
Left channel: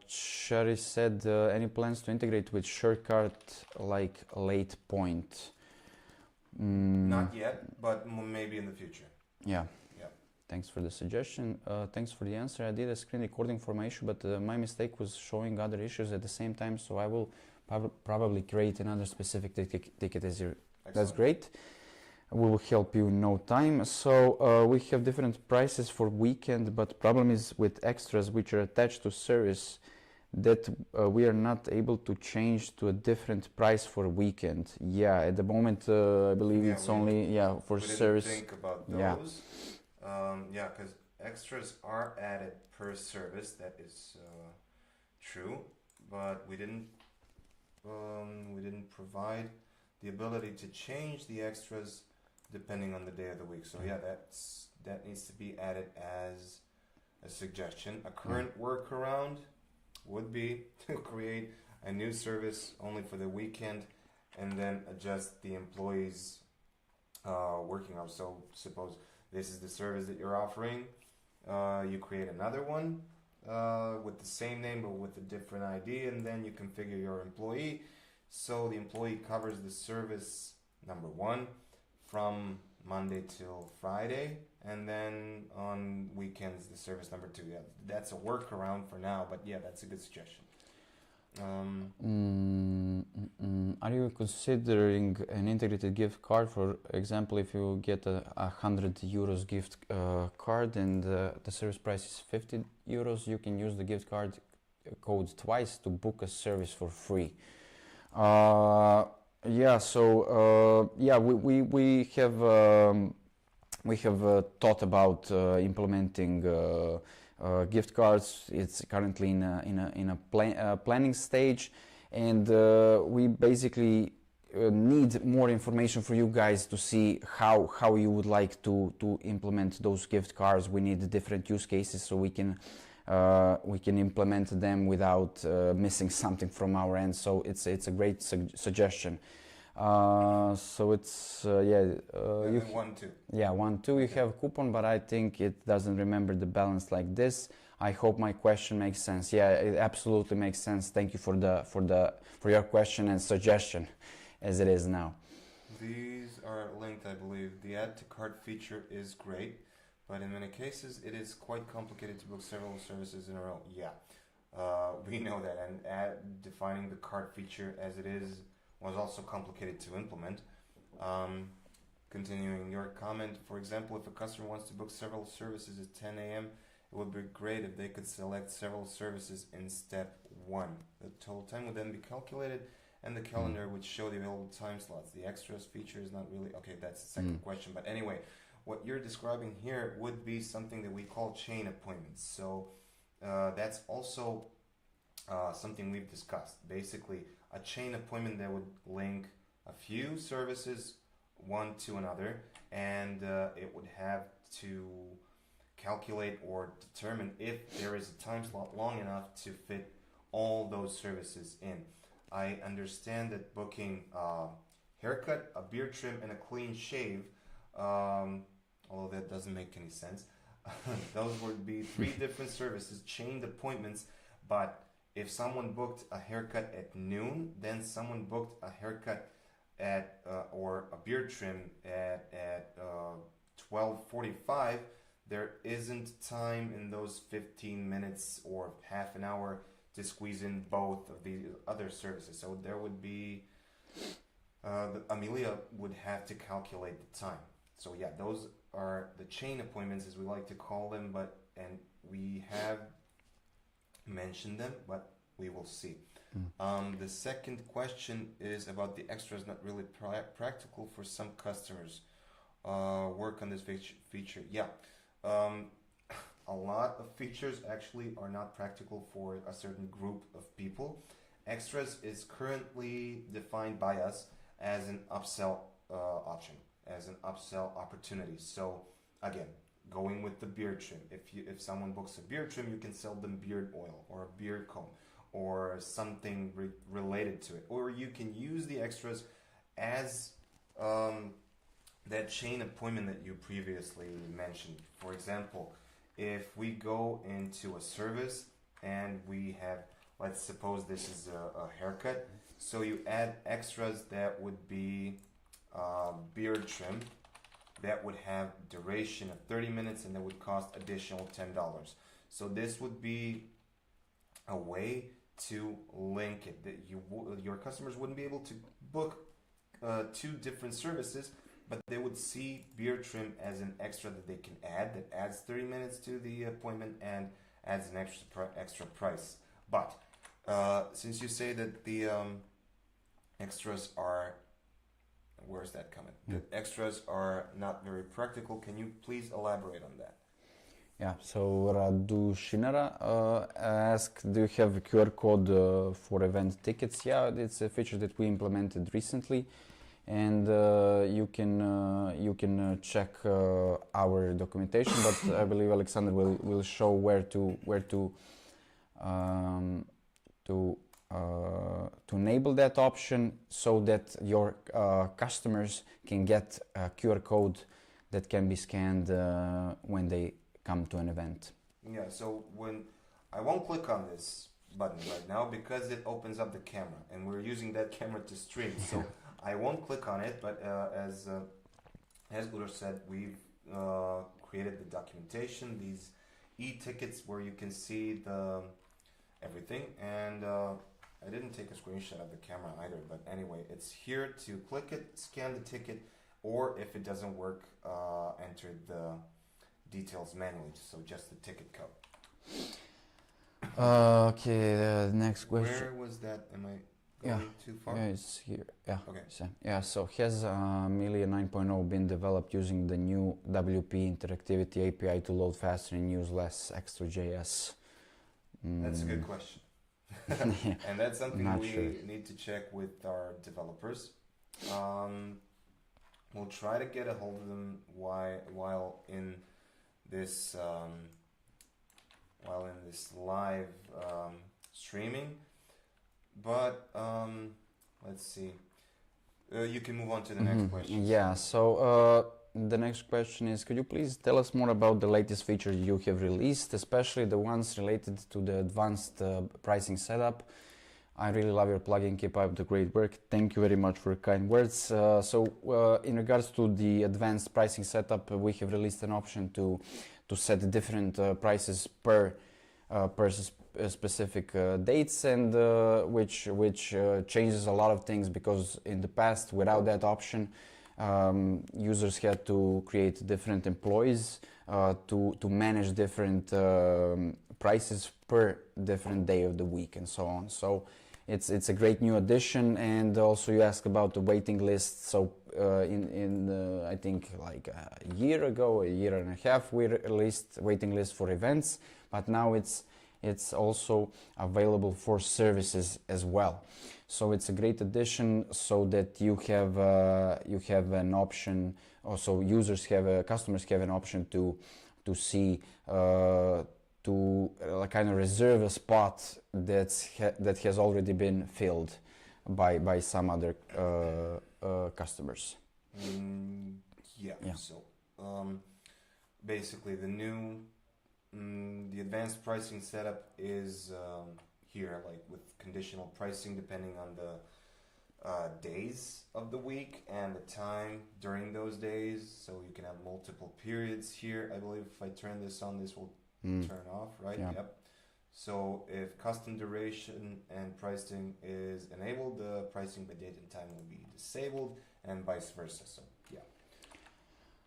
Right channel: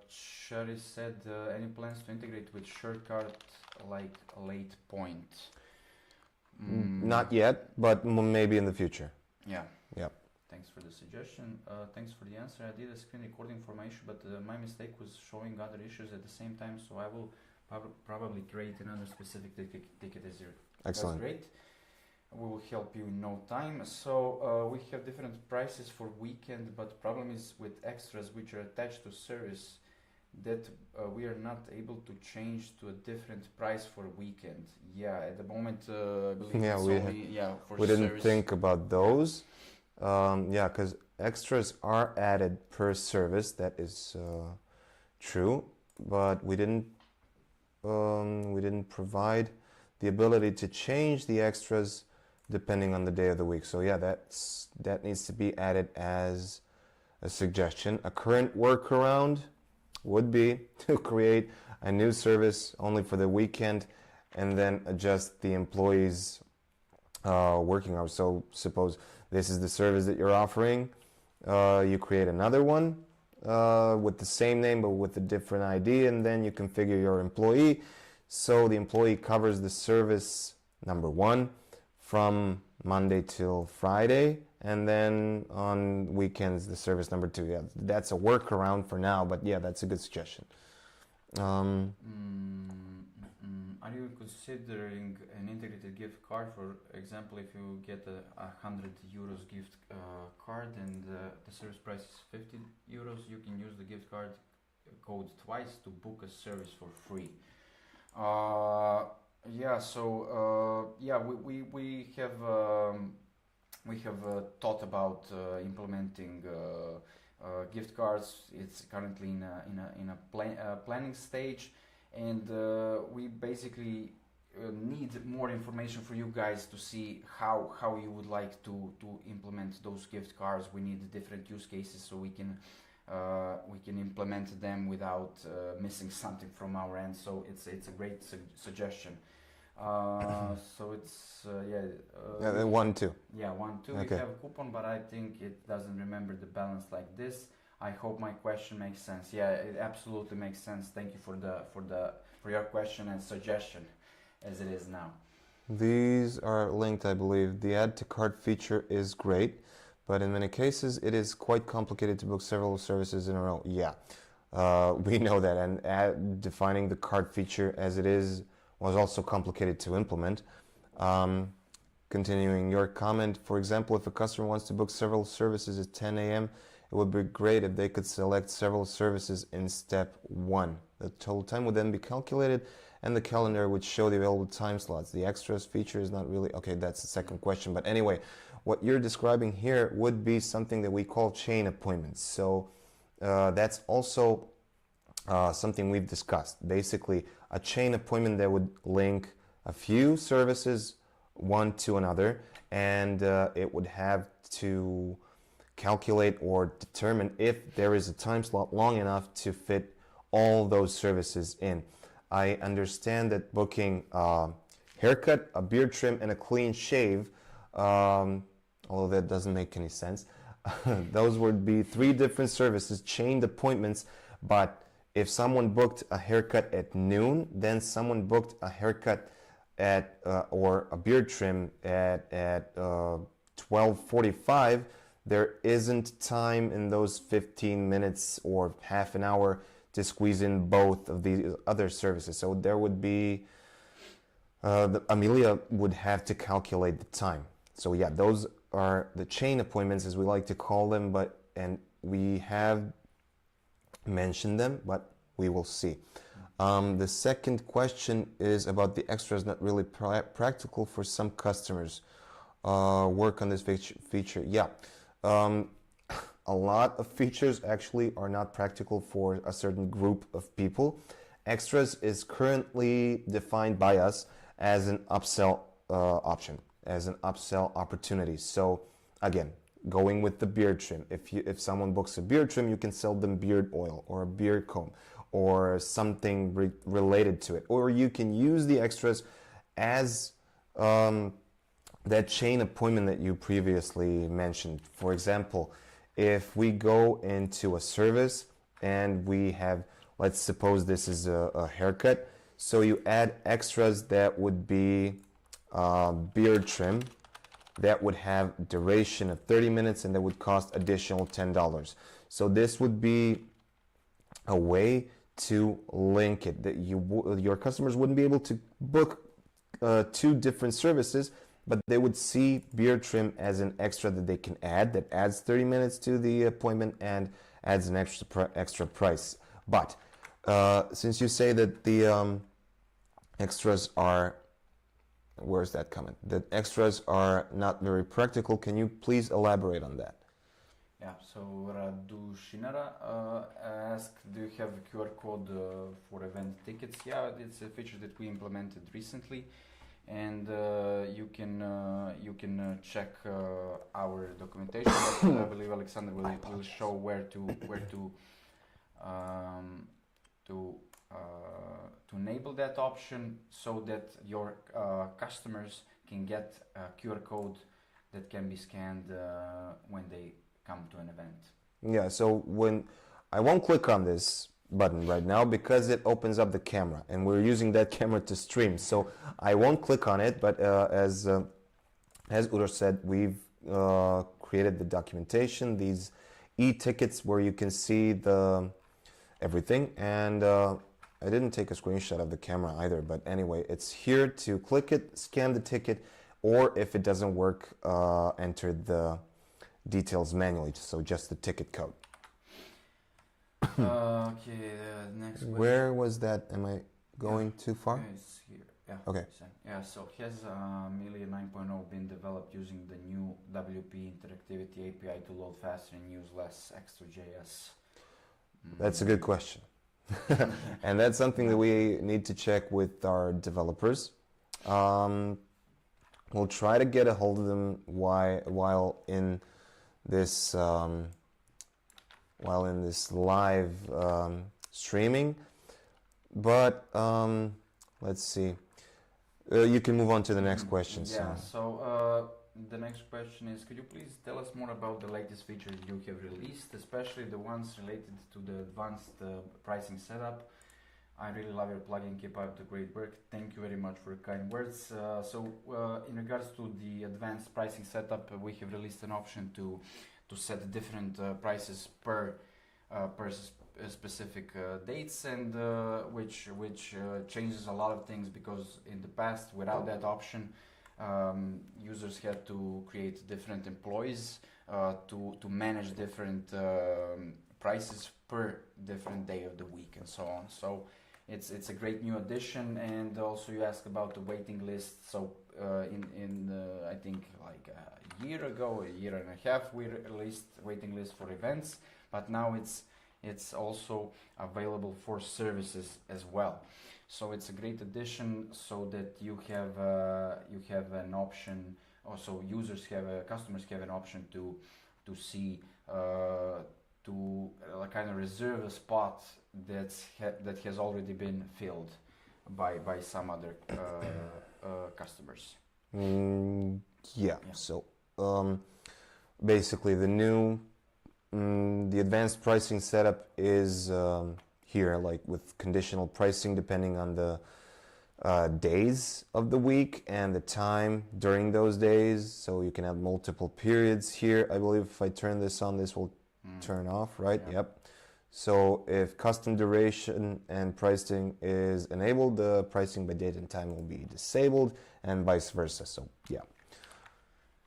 Sherry said, any plans to integrate with shortcut like late point? Not yet, but maybe in the future. Yeah. Yeah. Thanks for the suggestion. Thanks for the answer. I did a screen recording for my issue, but my mistake was showing other issues at the same time, so I will probably create another specific ticket as you. That's great. We will help you in no time. So we have different prices for weekend, but problem is with extras which are attached to service that we are not able to change to a different price for weekend. Yeah, at the moment I believe it's only for we service. We didn't think about those. Yeah, because extras are added per service. That is true, but we didn't provide the ability to change the extras depending on the day of the week. So yeah, that needs to be added as a suggestion. A current workaround would be to create a new service only for the weekend and then adjust the employees' working hours. So suppose this is the service that you're offering, you create another one with the same name but with a different ID, and then you configure your employee so the employee covers the service number one from Monday till Friday, and then on weekends the service number two. Yeah, that's a workaround for now, but yeah, that's a good suggestion. Are you considering an integrated gift card? For example, if you get a 100 € gift card and the service price is 50 €, you can use the gift card code twice to book a service for free. Yeah, so yeah, we have thought about implementing gift cards. It's currently in a planning stage, and we basically need more information for you guys to see how you would like to implement those gift cards. We need different use cases so we can implement them without missing something from our end. So it's a great suggestion. So it's And then 1, 2. Yeah, 1, 2. Okay. We have coupon, but I think it doesn't remember the balance like this. I hope my question makes sense. Yeah, it absolutely makes sense. Thank you for your question and suggestion, as it is now. These are linked, I believe. The add to cart feature is great, but in many cases it is quite complicated to book several services in a row. Yeah, we know that, and defining the cart feature as it is was also complicated to implement. Continuing your comment, for example, if a customer wants to book several services at 10 a.m., it would be great if they could select several services in step 1. The total time would then be calculated and the calendar would show the available time slots. The extras feature is not really... Okay, that's the second question. But anyway, what you're describing here would be something that we call chain appointments. So that's also something we've discussed. Basically, a chain appointment that would link a few services one to another, and it would have to calculate or determine if there is a time slot long enough to fit all those services in. I understand that booking a haircut, a beard trim, and a clean shave, although that doesn't make any sense, those would be 3 different services, chained appointments. But if someone booked a haircut at noon, then someone booked a haircut at or a beard trim at 12:45, there isn't time in those 15 minutes or half an hour to squeeze in both of these other services. So there would be, Amelia would have to calculate the time. So yeah, those are the chain appointments, as we like to call them, and we have mentioned them, but we will see. The second question is about the extras not really practical for some customers. Work on this feature. Yeah. A lot of features actually are not practical for a certain group of people. Extras is currently defined by us as an upsell option, as an upsell opportunity. So again, going with the beard trim, if someone books a beard trim, you can sell them beard oil or a beard comb or something related to it, or you can use the extras as that chain appointment that you previously mentioned. For example, if we go into a service and we have, let's suppose this is a haircut, so you add extras that would be beard trim, that would have duration of 30 minutes and that would cost additional $10. So this would be a way to link it, that your customers wouldn't be able to book 2 different services, but they would see beard trim as an extra that they can add, that adds 30 minutes to the appointment and adds an extra price. But since you say that the extras are, where's that coming? The extras are not very practical. Can you please elaborate on that? Yeah, so Radu Shinara asked, do you have a QR code for event tickets? Yeah, it's a feature that we implemented recently, and you can check our documentation. But I believe Alexander will show where to enable that option so that your customers can get a QR code that can be scanned when they come to an event. Yeah, so when I won't click on this button right now because it opens up the camera and we're using that camera to stream, so I won't click on it. But as Uroš said, we've created the documentation, these e-tickets where you can see everything, and I didn't take a screenshot of the camera either, but anyway, it's here to click it, scan the ticket, or if it doesn't work, enter the details manually, so just the ticket code. Okay, the next question. Where was that? Am I going too far? Yeah, it's here. Yeah. Okay. So has Amelia 9.0 been developed using the new WP interactivity API to load faster and use less extra JS? That's a good question. And that's something that we need to check with our developers. We'll try to get a hold of them while in this live streaming. But let's see. You can move on to the next question. Yeah. So the next question is: could you please tell us more about the latest features you have released, especially the ones related to the advanced pricing setup? I really love your plugin. Keep up the great work. Thank you very much for kind words. In regards to the advanced pricing setup, we have released an option to set different prices per specific dates, and which changes a lot of things, because in the past, without that option, users had to create different employees to manage different prices per different day of the week and so on. So it's a great new addition. And also you asked about the waiting list. So I think like a year and a half, we released waiting list for events, but now it's also available for services as well. So it's a great addition, so that you have an option. Also, customers have an option to see to kind of reserve a spot that has already been filled by some other customers. Yeah. So basically, the advanced pricing setup is here, like with conditional pricing depending on the days of the week and the time during those days. So you can have multiple periods here. I believe if I turn this on, this will turn off, right? Yeah. Yep. So if custom duration and pricing is enabled, the pricing by date and time will be disabled, and vice versa. So yeah.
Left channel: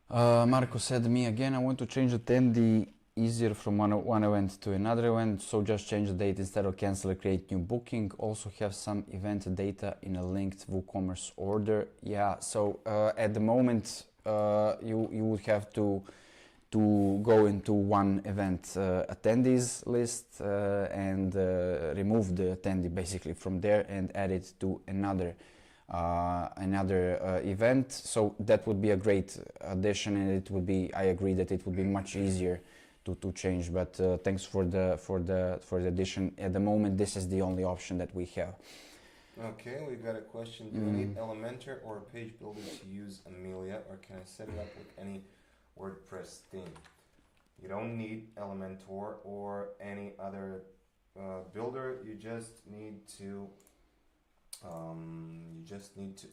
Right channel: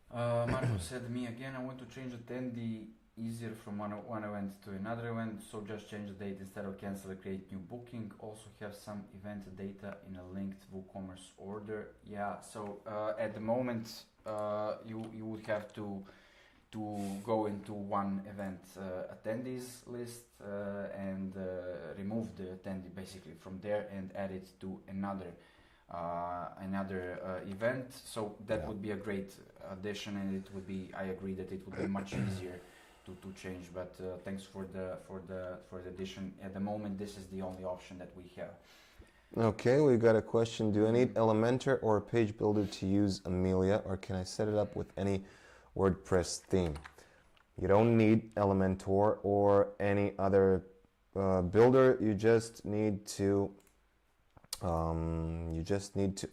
Marco said, me again, I want to change attendee easier from one event to another event, so just change the date instead of cancel or create new booking. Also have some event data in a linked WooCommerce order. Yeah, so at the moment you would have to go into one event attendees list and remove the attendee basically from there and add it to another event. So that would be a great addition, and it would be, I agree that it would be much easier to change, but thanks for the addition. At the moment, this is the only option that we have. Okay, we got a question. Do I need Elementor or a page builder to use Amelia, or can I set it up with any WordPress theme? You don't need Elementor or any other builder. You just need to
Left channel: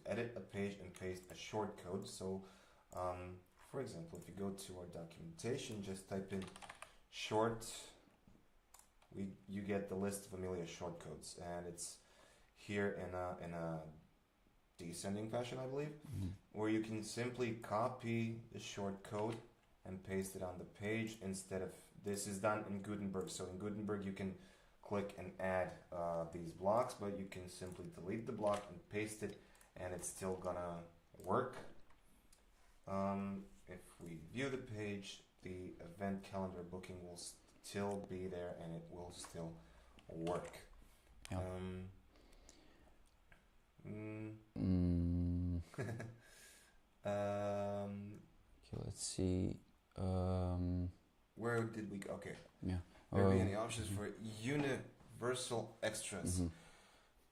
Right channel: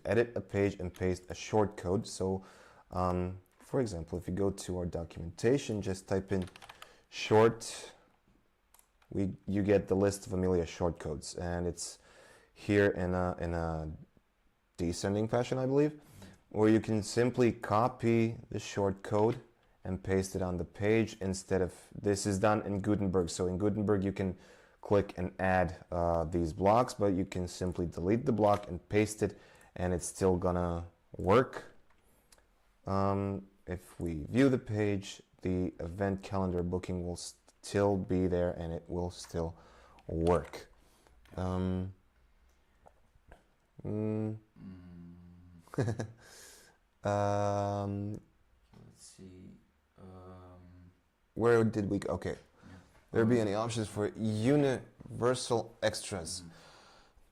edit a page and paste a shortcode. So for example, if you go to our documentation, just type in short, you get the list of Amelia shortcodes, and it's here in a descending fashion, I believe, where you can simply copy the shortcode and paste it on the page instead of, this is done in Gutenberg. So in Gutenberg, you can click and add these blocks, but you can simply delete the block and paste it, and it's still gonna work. If we view the page, the event calendar booking will still be there, and it will still work. Yeah. Let's see. Where did we go? Okay. Yeah. There be any options for universal extras?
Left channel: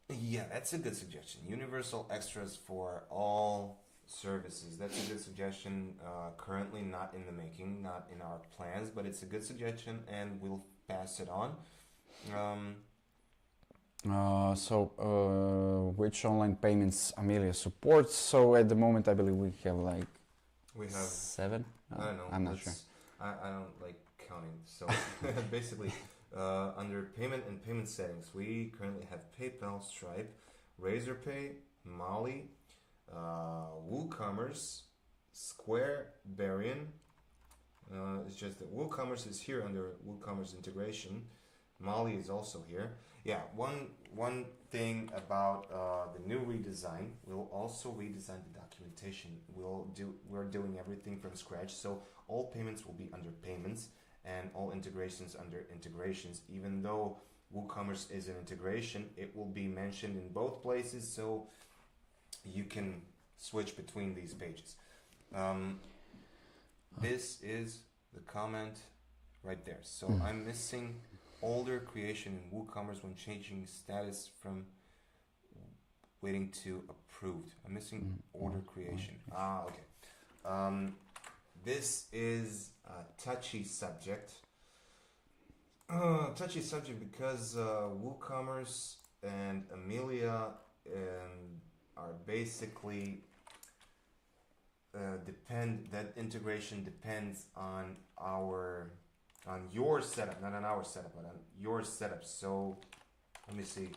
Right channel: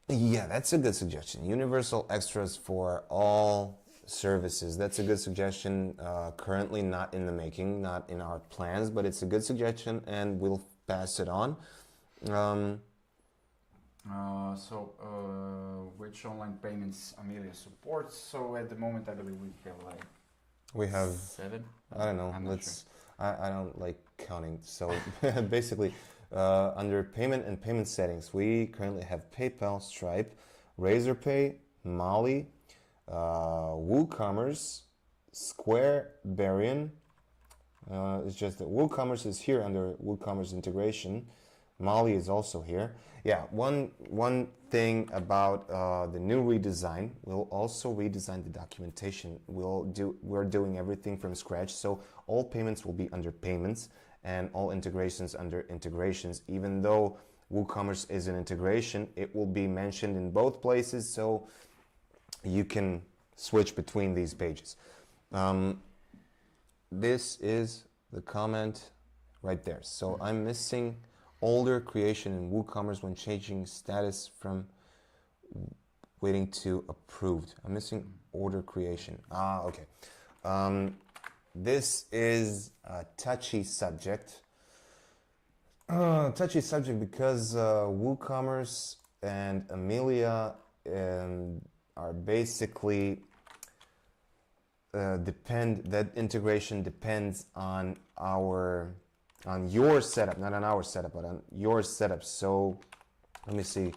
Yeah, that's a good suggestion. Universal extras for all services. That's a good suggestion. Currently not in the making, not in our plans, but it's a good suggestion, and we'll pass it on. Which online payments Amelia supports? So at the moment, I believe we have 7. I don't know. I'm not sure. I don't like counting. So basically, Under payment and payment settings, we currently have PayPal, Stripe, Razorpay, Mali, WooCommerce, Square, Barian. It's just that WooCommerce is here under WooCommerce integration. Mali is also here. Yeah, one thing about the new redesign, we'll also redesign the documentation. We're doing everything from scratch, so all payments will be under payments and all integrations under integrations. Even though WooCommerce is an integration, it will be mentioned in both places, so you can switch between these pages. This is the comment right there. So I'm missing older creation in WooCommerce when changing status from waiting to approved. I'm missing order creation. Okay. This is a touchy subject. Touchy subject because WooCommerce and Amelia are basically that integration depends on your setup, not on our setup, but on your setup. So let me see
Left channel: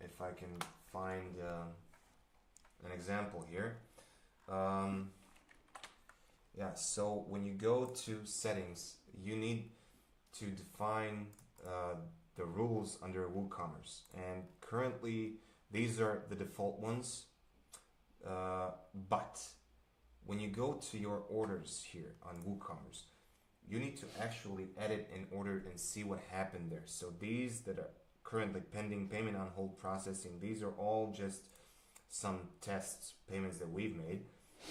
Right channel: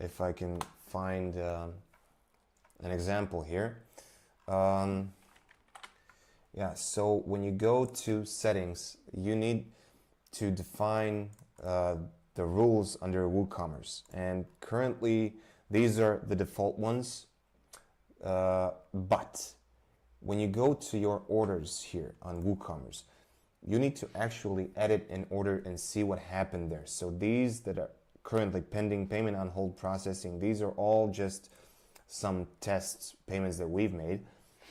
if I can find an example here. Yeah, so when you go to settings, you need to define the rules under WooCommerce, and currently these are the default ones. But when you go to your orders here on WooCommerce, you need to actually edit an order and see what happened there. So these that are currently pending, payment on hold, processing, these are all just some test payments that we've made.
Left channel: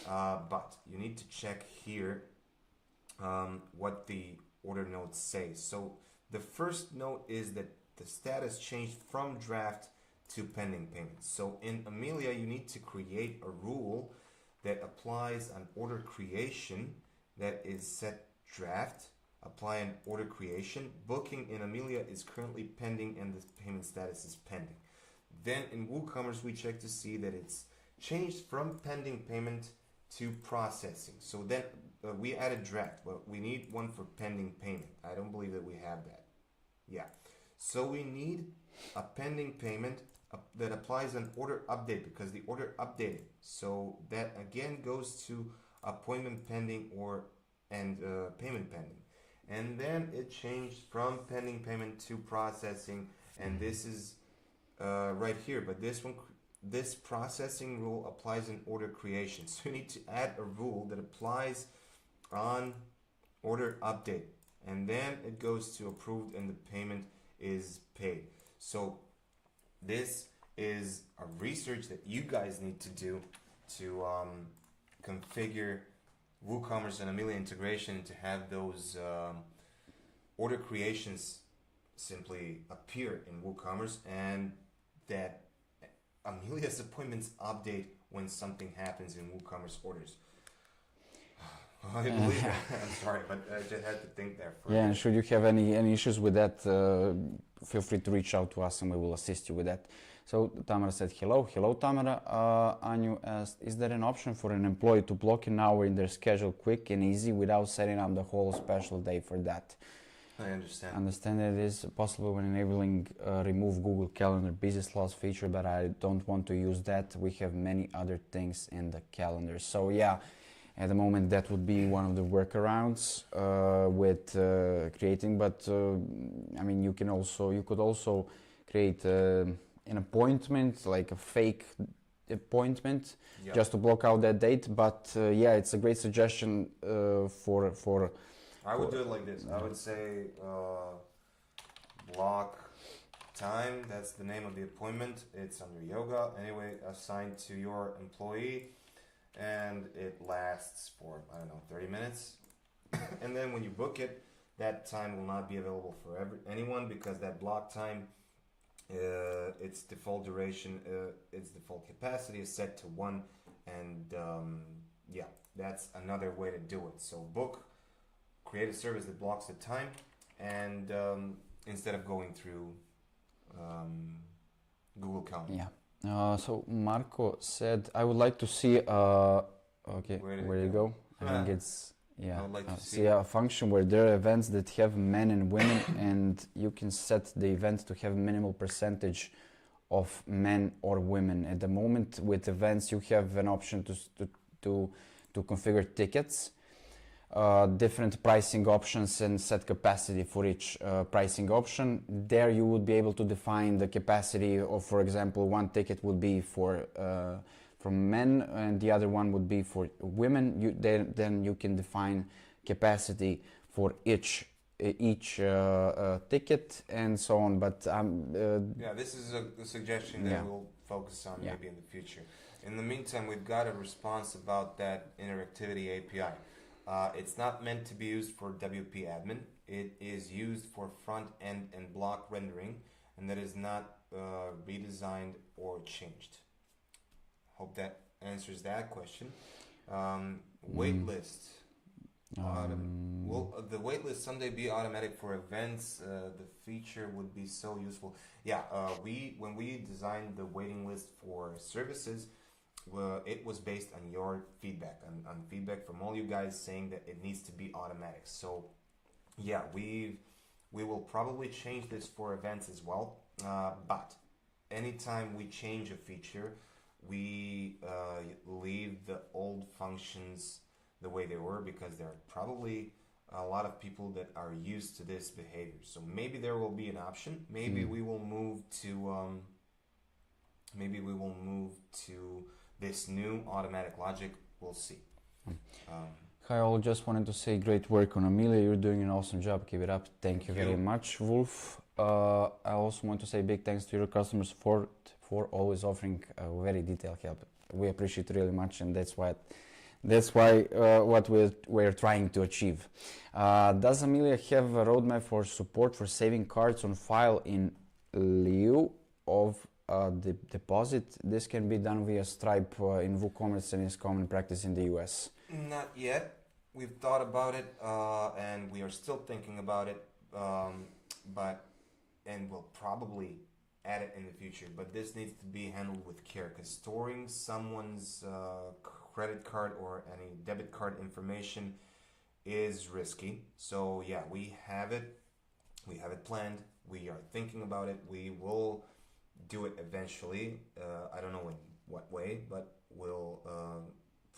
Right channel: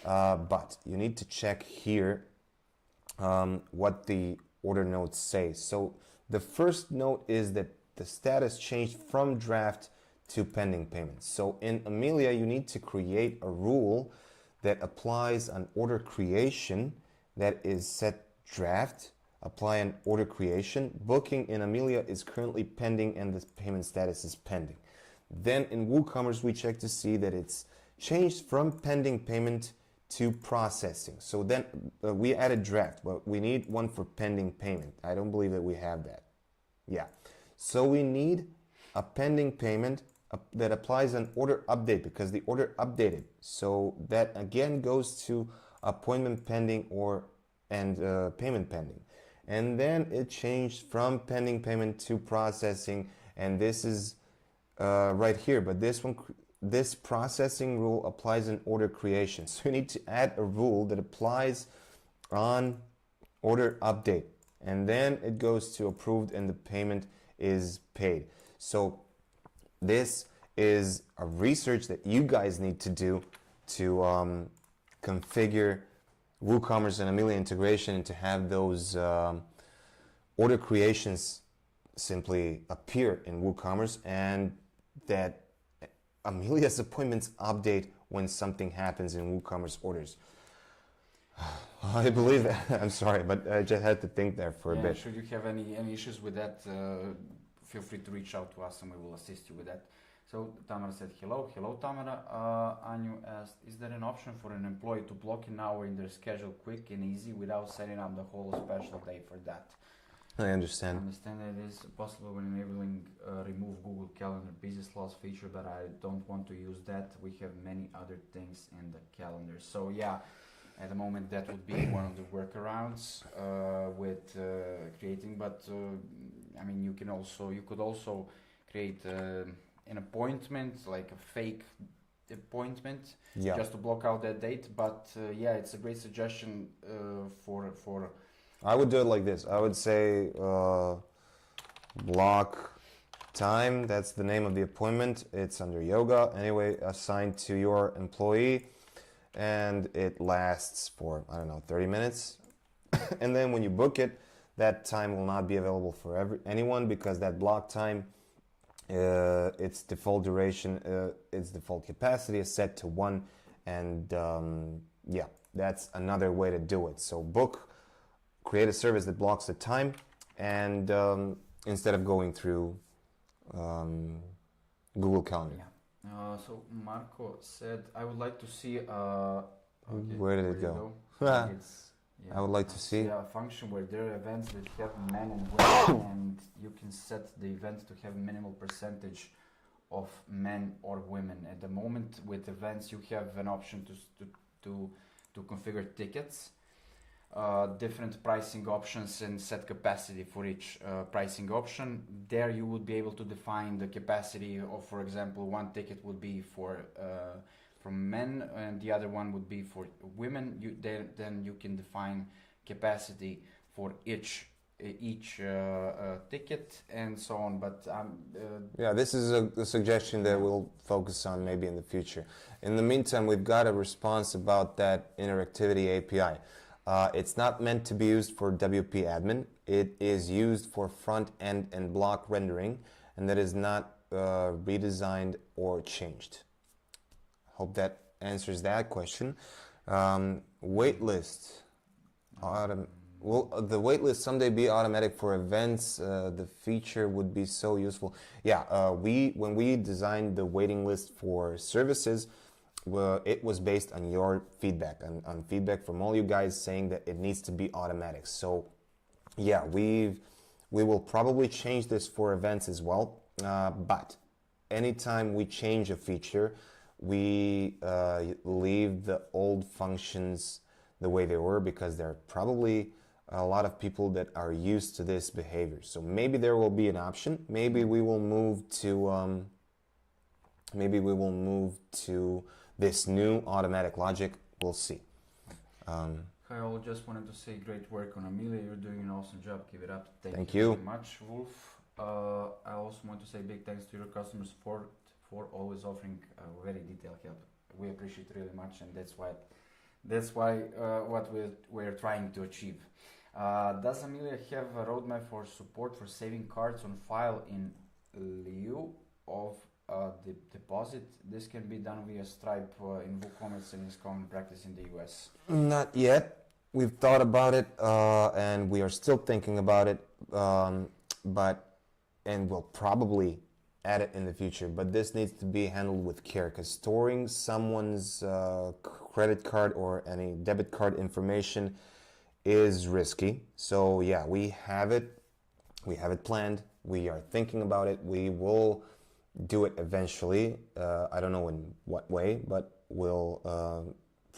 But you need to check here what the order notes say. So the first note is that the status changed from draft to pending payments. So in Amelia, you need to create a rule that applies on order creation that is set draft, apply an order creation. Booking in Amelia is currently pending and the payment status is pending. Then in WooCommerce, we check to see that it's changed from pending payment to processing. So then we added draft, but we need one for pending payment. I don't believe that we have that. Yeah. So we need a pending payment that applies an order update because the order updated. So that again goes to appointment pending and payment pending. And then it changed from pending payment to processing, and this is right here. But this processing rule applies in order creation. So you need to add a rule that applies on order update, and then it goes to approved and the payment is paid. So this is a research that you guys need to do to configure WooCommerce and Amelia integration and to have those order creations simply appear in WooCommerce, and that Amelia's appointments update when something happens in WooCommerce orders. I believe that. I'm sorry, but I just had to think there for a bit. Should you have any issues with that, feel free to reach out to us and we will assist you with that. So Tamara said hello. Hello Tamara. Anju asked, is there an option for an employee to block an hour in their schedule quick and easy without setting up the whole special day for that? I understand. I understand that it is possible when enabling remove Google Calendar busy slots feature, but I don't want to use that. We have many other things in the calendar. So yeah, at the moment that would be one of the workarounds with creating, but I mean you could also create an appointment, like a fake appointment, just to block out that date. But yeah, it's a great suggestion for I would do it like this. I would say block time, that's the name of the appointment. It's under yoga, anyway, assigned to your employee, and it lasts for, I don't know, 30 minutes. And then when you book it, that time will not be available for anyone, because that block time, its default duration, its default capacity is set to 1, and yeah, that's another way to do it. So create a service that blocks the time, and instead of going through Google Calendar. Yeah. So Marco said, I would like to see. Okay, where did it go? I think Yeah, I would like to see a function where there are events that have men and women, and you can set the event to have minimal percentage of men or women. At the moment, with events, you have an option to configure tickets, different pricing options, and set capacity for each pricing option. There, you would be able to define the capacity of, for example, one ticket would be for men, and the other one would be for women. Then you can define capacity for each ticket and so on. But yeah, this is a suggestion that Yeah. we'll focus on maybe in the future. In the meantime, we've got a response about that interactivity API. It's not meant to be used for WP admin. It is used for front end and block rendering, and that is not redesigned or changed. Hope that answers that question. Waitlist. Will the waitlist someday be automatic for events? The feature would be so useful. Yeah, when we designed the waiting list for services, it was based on your feedback, on feedback from all you guys saying that it needs to be automatic. So yeah, we will probably change this for events as well. But anytime we change a feature, we leave the old functions the way they were, because there are probably a lot of people that are used to this behavior. So maybe there will be an option. Maybe we will move to this new automatic logic. We'll see. Hi all, just wanted to say great work on Amelia. You're doing an awesome job. Keep it up. Thank you very much, Wolf. I also want to say big thanks to your customers for always offering very detailed help. We appreciate it really much, and that's why what we're trying to achieve. Does Amelia have a roadmap for support for saving cards on file in lieu of the deposit? This can be done via Stripe in WooCommerce and is common practice in the US. Not yet. We've thought about it, and we are still thinking about it, and we'll probably add it in the future. But this needs to be handled with care, because storing someone's credit card or any debit card information is risky. So yeah, we have it planned. We are thinking about it. We will do it eventually. I don't know in what way, but we'll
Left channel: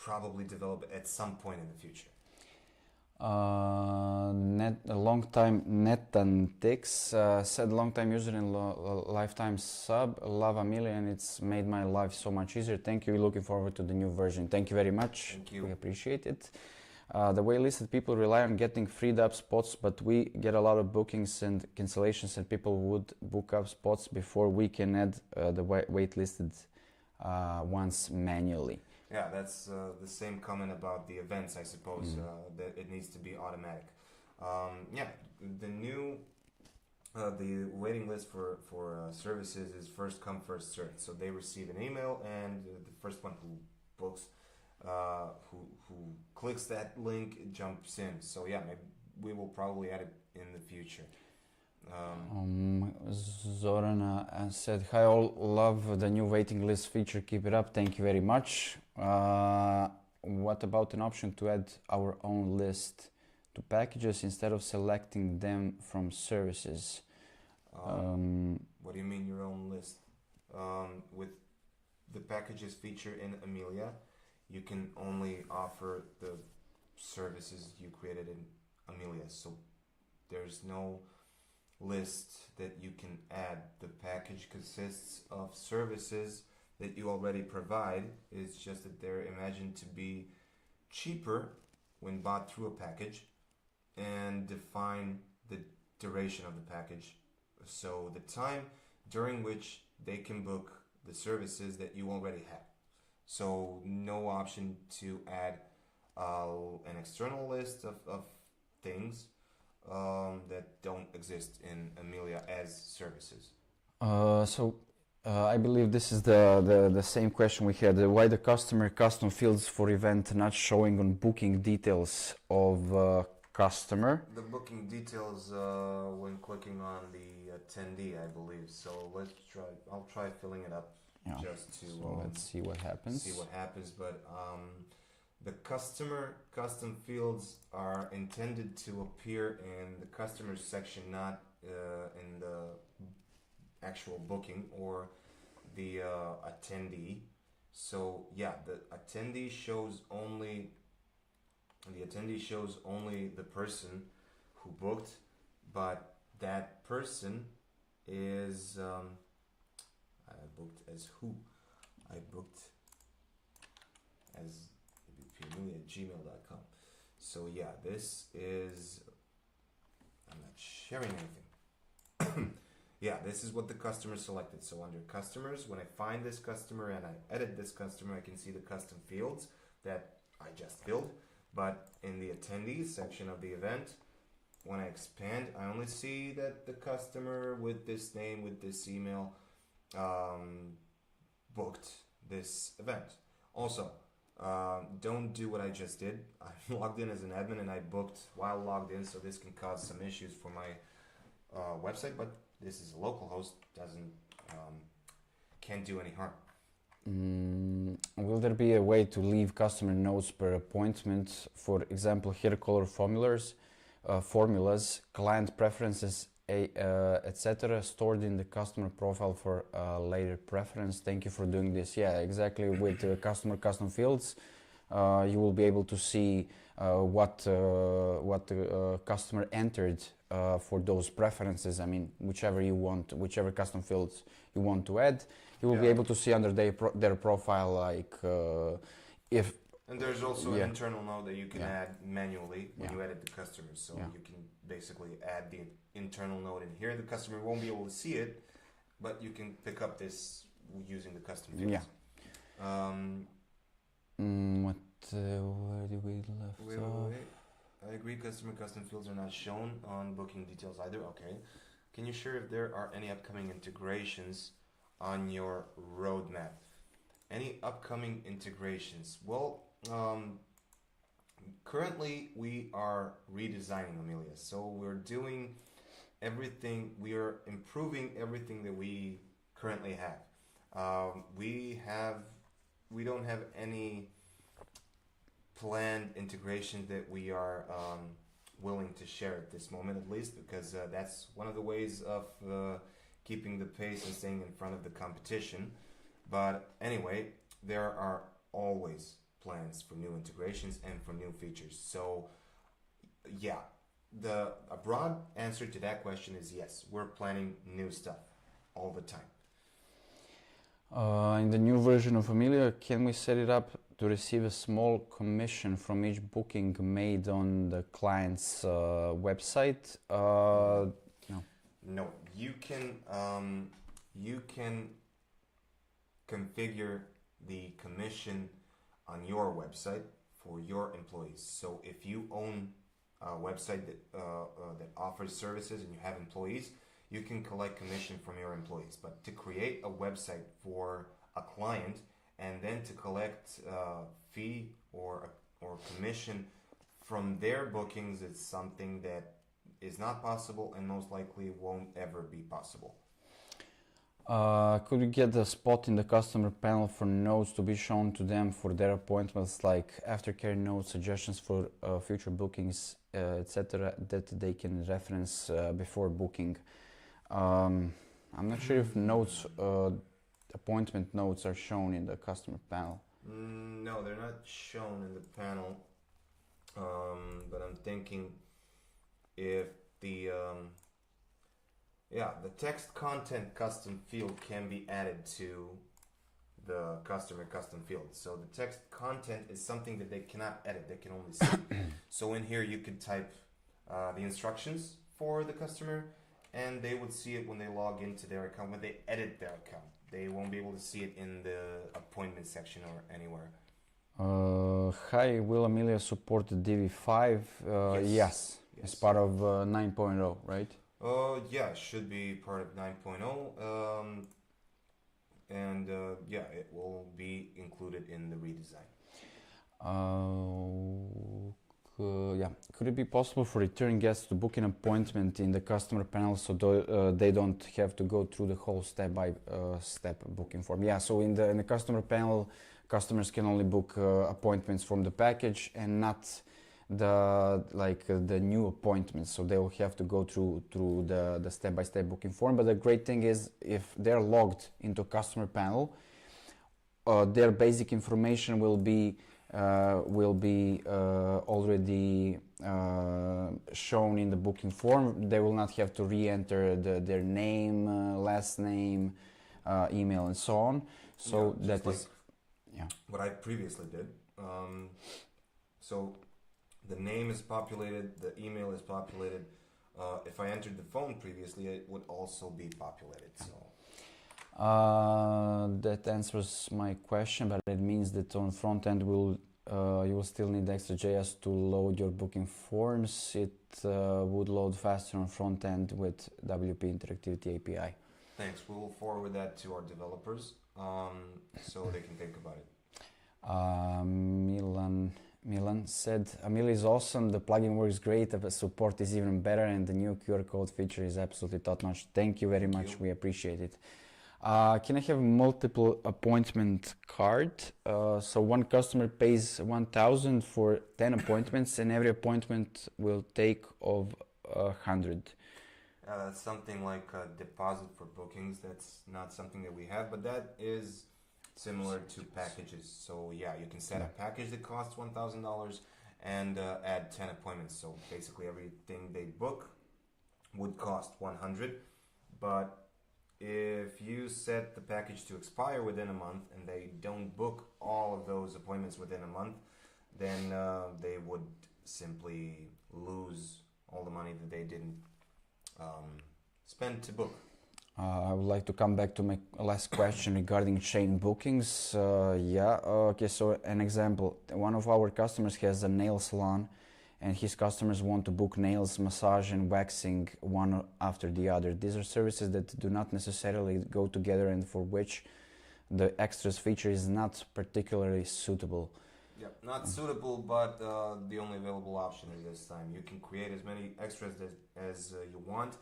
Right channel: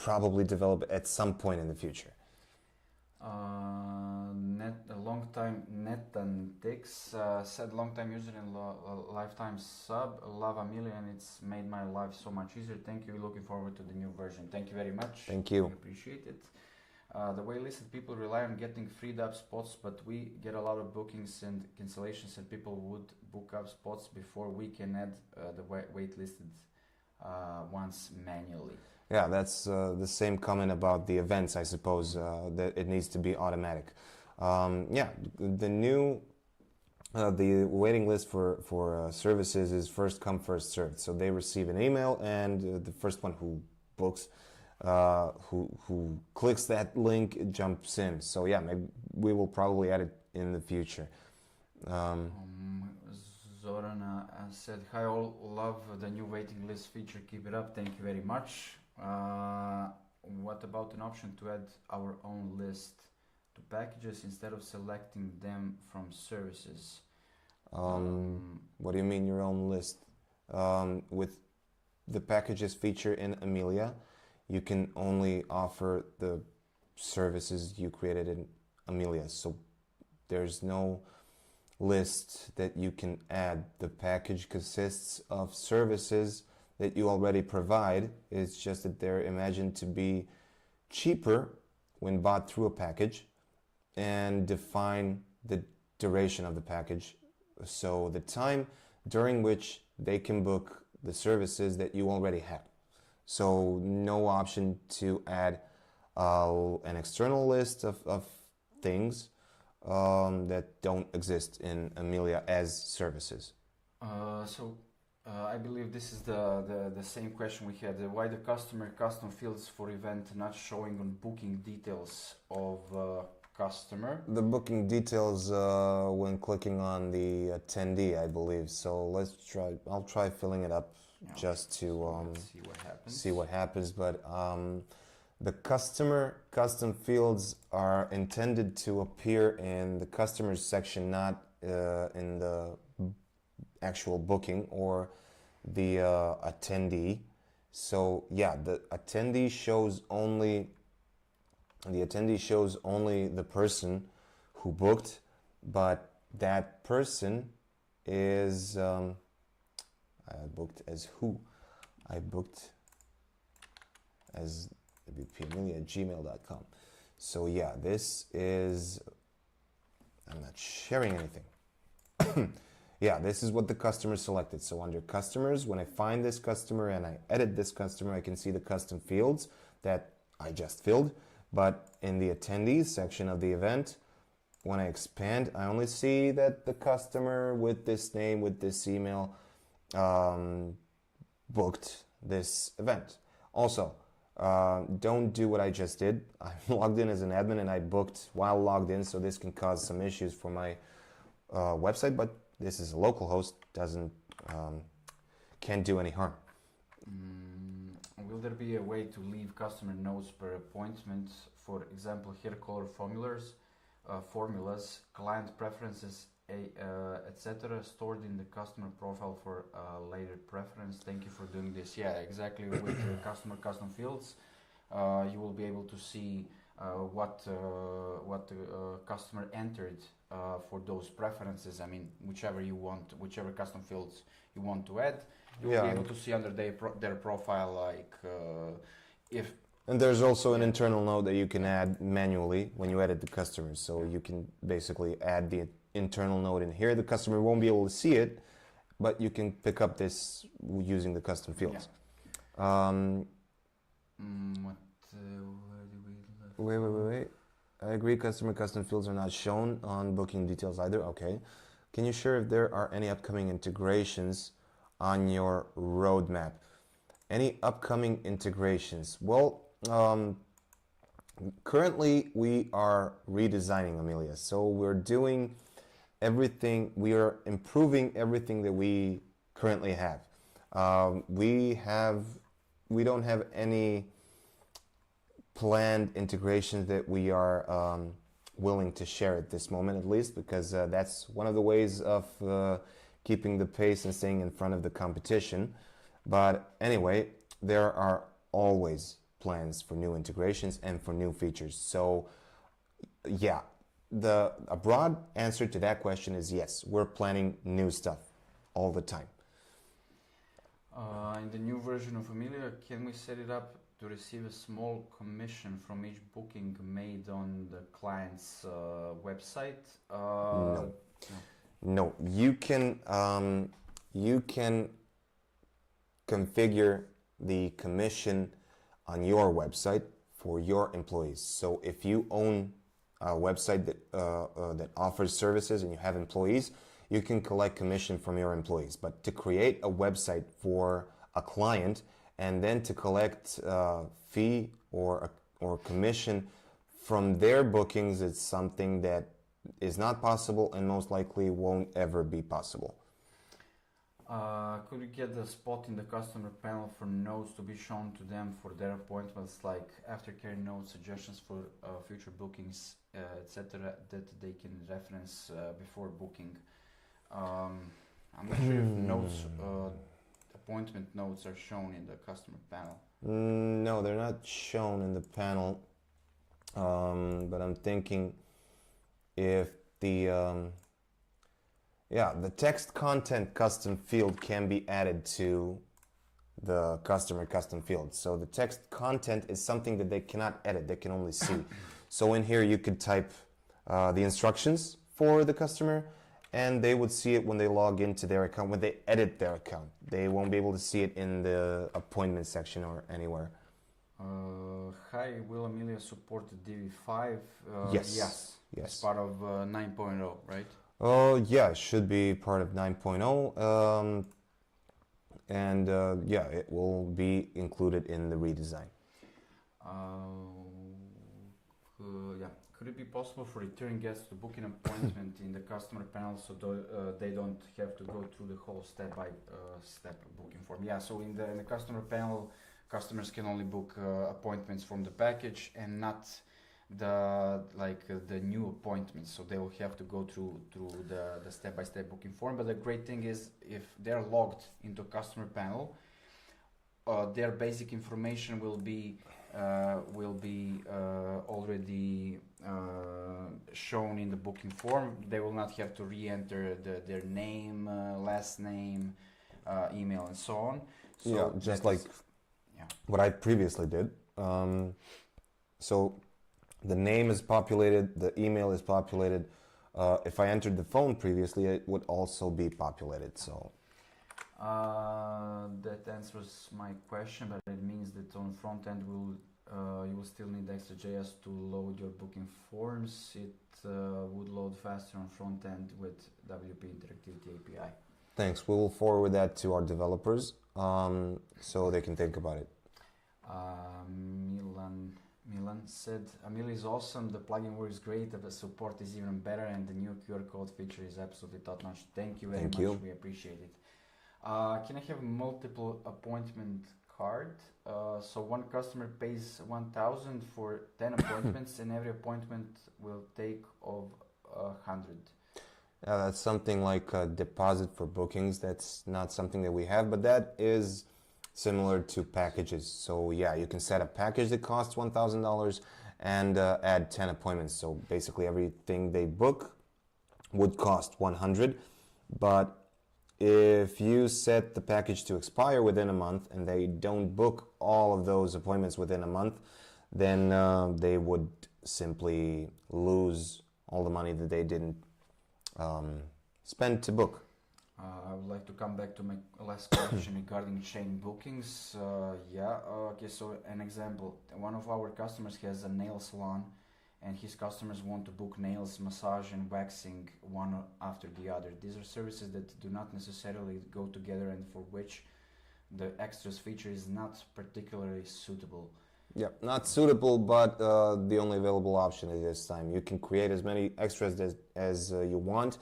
probably develop it at some point in the future. A long time Netantix said long time user and lifetime sub. Love Amelia, and it's made my life so much easier. Thank you. Looking forward to the new version. Thank you very much. Thank you. We appreciate it. The waitlisted people rely on getting freed up spots, but we get a lot of bookings and cancellations, and people would book up spots before we can add the waitlisted ones manually. Yeah, that's the same comment about the events, I suppose, that it needs to be automatic. Yeah, the waiting list for services is first come, first served. So they receive an email, and the first one who books, who clicks that link jumps in. So yeah, maybe we will probably add it in the future. Zorana said, hi all, love the new waiting list feature, keep it up. Thank you very much. What about an option to add our own list to packages instead of selecting them from services? What do you mean your own list? With the packages feature in Amelia, you can only offer the services you created in Amelia. So there's no list that you can add. The package consists of services that you already provide. It's just that they're imagined to be cheaper when bought through a package, and define the duration of the package. So the time during which they can book the services that you already had. So no option to add an external list of things that don't exist in Amelia as services. I believe this is the same question we had. Why the customer custom fields for event not showing on booking details of customer? The booking details when clicking on the attendee, I believe. So let's try. I'll try filling it up just to let's see what happens. See what happens. But the customer custom fields are intended to appear in the customers section, not in the actual booking or the attendee. So yeah, the attendee shows only the person who booked, but that person is I booked as who? I booked as Amelia@gmail.com. So yeah, this is, I'm not sharing anything. Yeah, this is what the customer selected. So under customers, when I find this customer and I edit this customer, I can see the custom fields that I just filled. But in the attendees section of the event, when I expand, I only see that the customer with this name, with this email, booked this event. Also, don't do what I just did. I'm logged in as an admin and I booked while logged in, so this can cause some issues for my website, but this is a local host, can't do any harm. Will there be a way to leave customer notes per appointment? For example, here color formulas, client preferences, etc. stored in the customer profile for later preference. Thank you for doing this. Yeah, exactly. With customer custom fields, you will be able to see what the customer entered for those preferences. I mean, whichever custom fields you want to add, you will be able to see under their profile, like if. And there's also an internal note that you can add manually when you edit the customers. So you can basically add the internal note in here. The customer won't be able to see it, but you can pick up this using the custom fields. Where do we left? Wait. I agree, customer custom fields are not shown on booking details either. Okay. Can you share if there are any upcoming integrations on your roadmap? Any upcoming integrations? Well, currently we are redesigning Amelia. So we're doing everything, we are improving everything that we currently have. We don't have any planned integrations that we are willing to share at this moment, at least, because that's one of the ways of keeping the pace and staying in front of the competition. But anyway, there are always plans for new integrations and for new features. So yeah, a broad answer to that question is yes, we're planning new stuff all the time. In the new version of Amelia, can we set it up to receive a small commission from each booking made on the client's website? No, you can configure the commission on your website for your employees. So if you own a website that offers services and you have employees, you can collect commission from your employees. But to create a website for a client and then to collect fee or commission from their bookings, it's something that is not possible and most likely won't ever be possible. Could you get a spot in the customer panel for notes to be shown to them for their appointments, like aftercare notes, suggestions for future bookings, etc., that they can reference before booking? I'm not sure if notes, appointment notes are shown in the customer panel. No, they're not shown in the panel, but I'm thinking if the text content custom field can be added to the customer custom field. So the text content is something that they cannot edit, they can only see. So in here you could type the instructions for the customer and they would see it when they log into their account, when they edit their account. They won't be able to see it in the appointment section or anywhere. Hi, will Amelia support the DV5? Yes. As part of 9.0, right? Yeah, it should be part of 9.0, and it will be included in the redesign. Could it be possible for returning guests to book an appointment in the customer panel so they don't have to go through the whole step-by-step booking form? Yeah, so in the customer panel, customers can only book appointments from the package and not the new appointments, so they will have to go through the step-by-step booking form. But the great thing is, if they're logged into customer panel, their basic information will be already shown in the booking form. They will not have to re-enter their name, last name, email, and so on. So yeah, just like what I previously did. So the name is populated, the email is populated. If I entered the phone previously, it would also be populated. So that answers my question, but it means that on front end you will still need extra.js to load your booking forms. It would load faster on front end with WP Interactivity API. Thanks. We will forward that to our developers so they can think about it. Milan said, Amelia is awesome, the plugin works great, the support is even better, and the new QR code feature is absolutely top-notch. Thank you very much, we appreciate it. Can I have multiple appointment card? So one customer pays 1,000 for 10 appointments, and every appointment will take of 100. That's something like a deposit for bookings. That's not something that we have, but that is similar to packages. So yeah, you can set a package that costs $1,000 and add 10 appointments. So basically everything they book would cost 100. But if you set the package to expire within a month and they don't book all of those appointments within a month, then they would simply lose all the money that they didn't spend to book. I would like to come back to my last question regarding chain bookings. Okay, so an example. One of our customers has a nail salon, and his customers want to book nails, massage, and waxing one after the other. These are services that do not necessarily go together and for which the extras feature is not particularly suitable. Yeah, not suitable, but the only available option at this time. You can create as many extras as you want.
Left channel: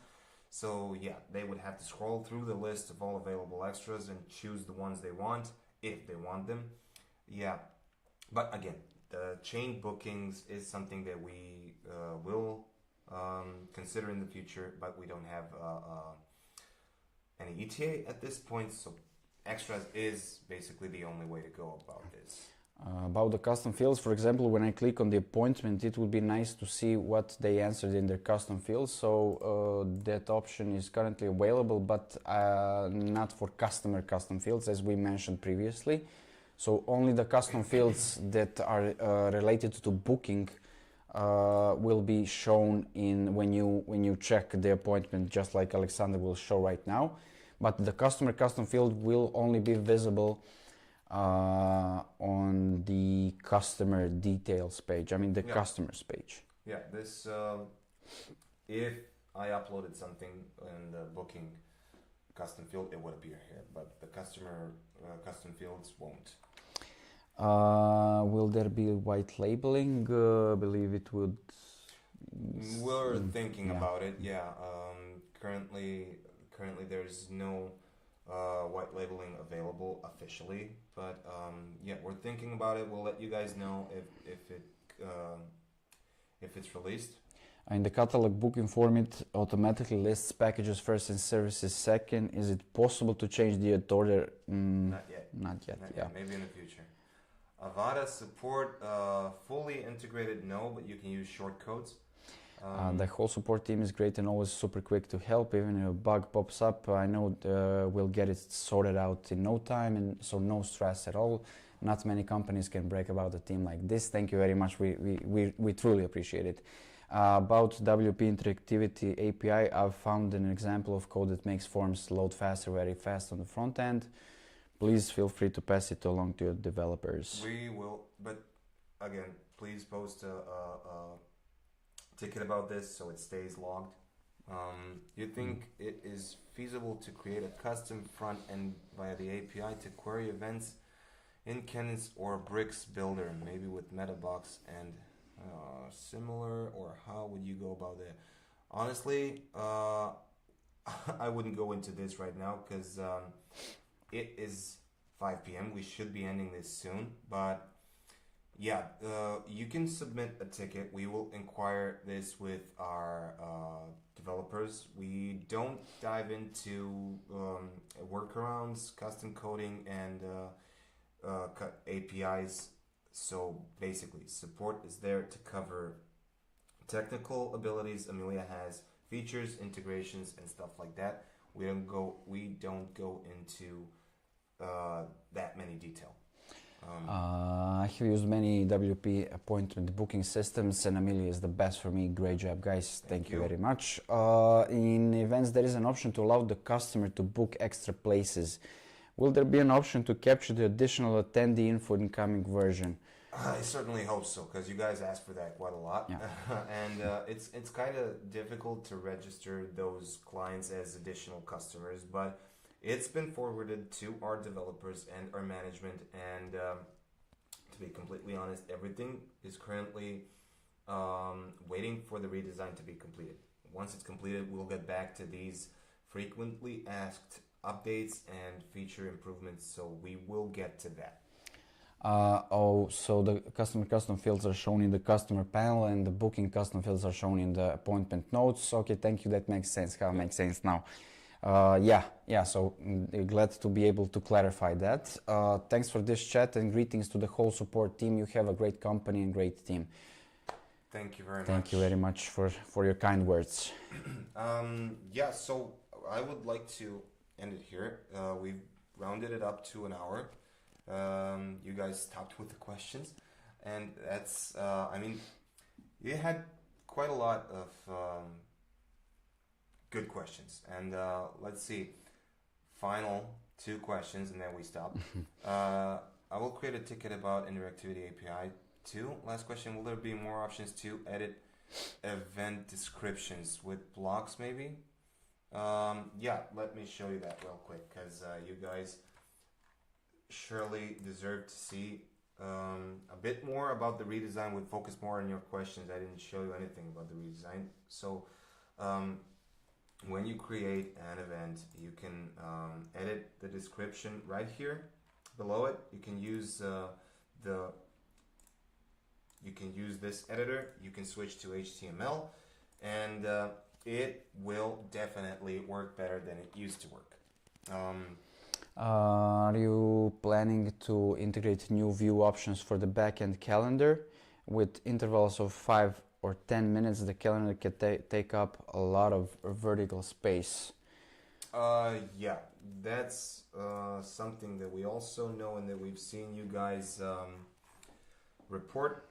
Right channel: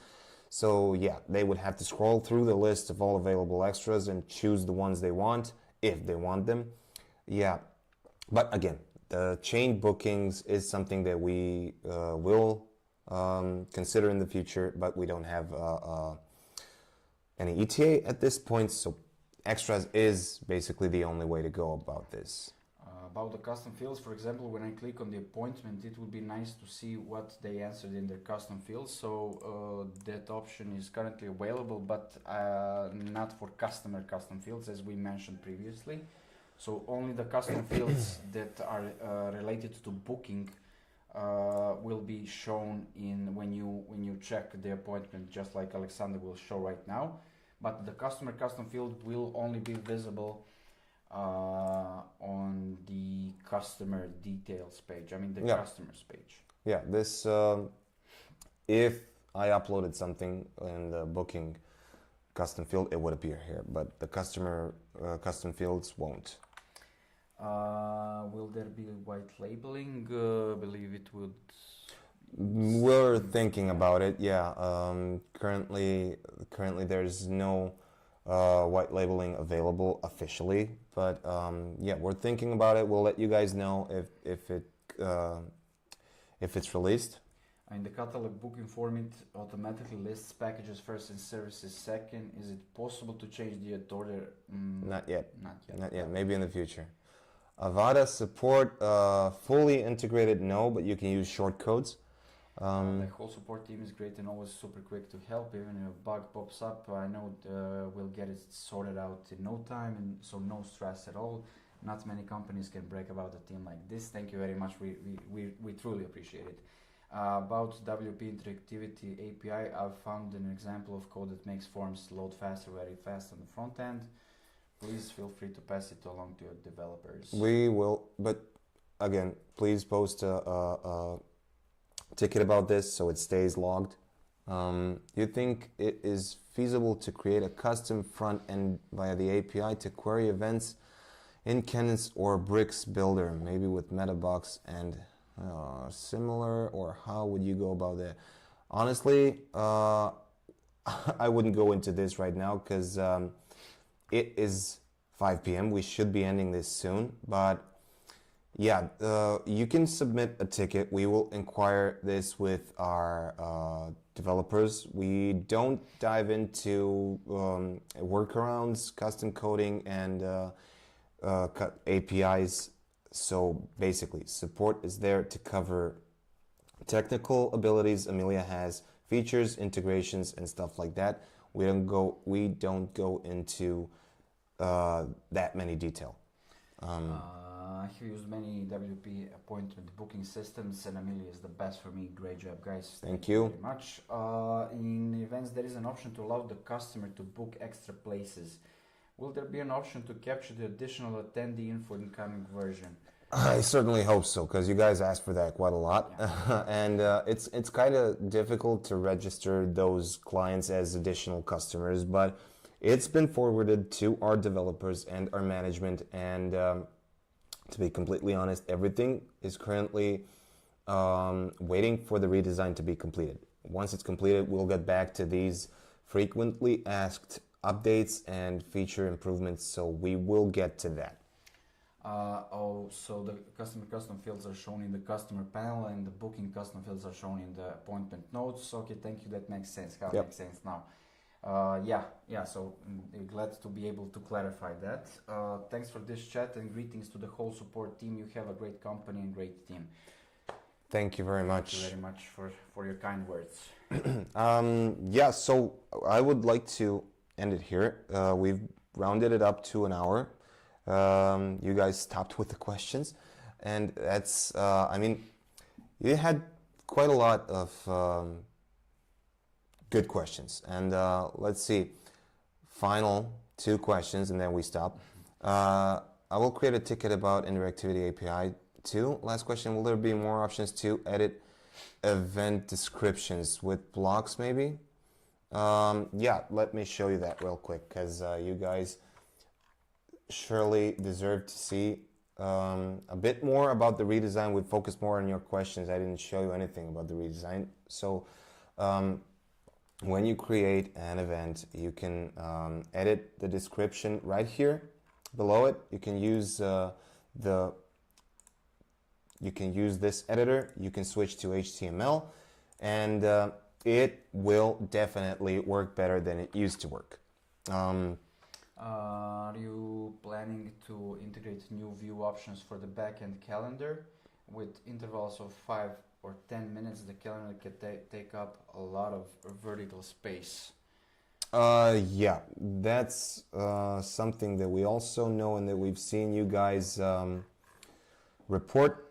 So yeah, they would have to scroll through the list of all available extras and choose the ones they want, if they want them. Yeah, but again, the chain bookings is something that we will consider in the future, but we don't have any ETA at this point, so extras is basically the only way to go about this. About the custom fields, for example, when I click on the appointment, it would be nice to see what they answered in their custom fields. So that option is currently available, but not for customer custom fields, as we mentioned previously. So only the custom fields that are related to booking will be shown in when you check the appointment, just like Alexander will show right now. But the customer custom field will only be visible on the customer details page. I mean the customers page. Yeah, this if I uploaded something in the booking custom field, it would appear here, but the customer custom fields won't. Will there be white labeling? I believe it would. We're thinking about it. Yeah. Currently there's no white labeling available officially, but yeah, we're thinking about it. We'll let you guys know if it's released. In the catalog booking form, it automatically lists packages first and services second. Is it possible to change the order? Not yet. Not yet. Not yet. Maybe in the future. Avada support fully integrated, no, but you can use shortcodes. The whole support team is great and always super quick to help. Even if a bug pops up, I know we'll get it sorted out in no time, and so no stress at all. Not many companies can brag about a team like this. Thank you very much. We truly appreciate it. About WP Interactivity API, I've found an example of code that makes forms load faster, very fast on the front end. Please feel free to pass it along to your developers. We will, but again, please post a ticket about this so it stays logged. You think it is feasible to create a custom front end via the API to query events in Cadence or Bricks Builder, maybe with Metabox and similar, or how would you go about that? Honestly, I wouldn't go into this right now because it is 5 p.m. We should be ending this soon, but yeah, you can submit a ticket. We will inquire this with our developers. We don't dive into workarounds, custom coding, and APIs. So basically, support is there to cover technical abilities Amelia has, features, integrations, and stuff like that. We don't go into that many detail. I have used many WP appointment booking systems, and Amelia is the best for me. Great job, guys. Thank you very much. In events, there is an option to allow the customer to book extra places. Will there be an option to capture the additional attendee info in coming version? I certainly hope so, because you guys asked for that quite a lot. Yeah. And it's kind of difficult to register those clients as additional customers, but it's been forwarded to our developers and our management, and to be completely honest, everything is currently waiting for the redesign to be completed. Once it's completed, we'll get back to these frequently asked updates and feature improvements, so we will get to that. So the custom fields are shown in the customer panel, and the booking custom fields are shown in the appointment notes. Okay, thank you, that makes sense. It makes sense now. So glad to be able to clarify that. Thanks for this chat, and greetings to the whole support team. You have a great company and great team. Thank you very much. Thank you very much for your kind words. So I would like to end it here. We've rounded it up to an hour. You guys stopped with the questions, and that's you had quite a lot of good questions, and let's see, final 2 questions and then we stop. I will create a ticket about interactivity API 2. Last question, will there be more options to edit event descriptions with blocks maybe? Let me show you that real quick, because you guys surely deserve to see a bit more about the redesign. We focused more on your questions. I didn't show you anything about the redesign. So when you create an event, you can edit the description right here below it. You can use this editor. You can switch to HTML, and it will definitely work better than it used to work. Are you planning to integrate new view options for the backend calendar? With intervals of 5 or 10 minutes, the calendar can take up a lot of vertical space. That's something that we also know and that we've seen you guys report.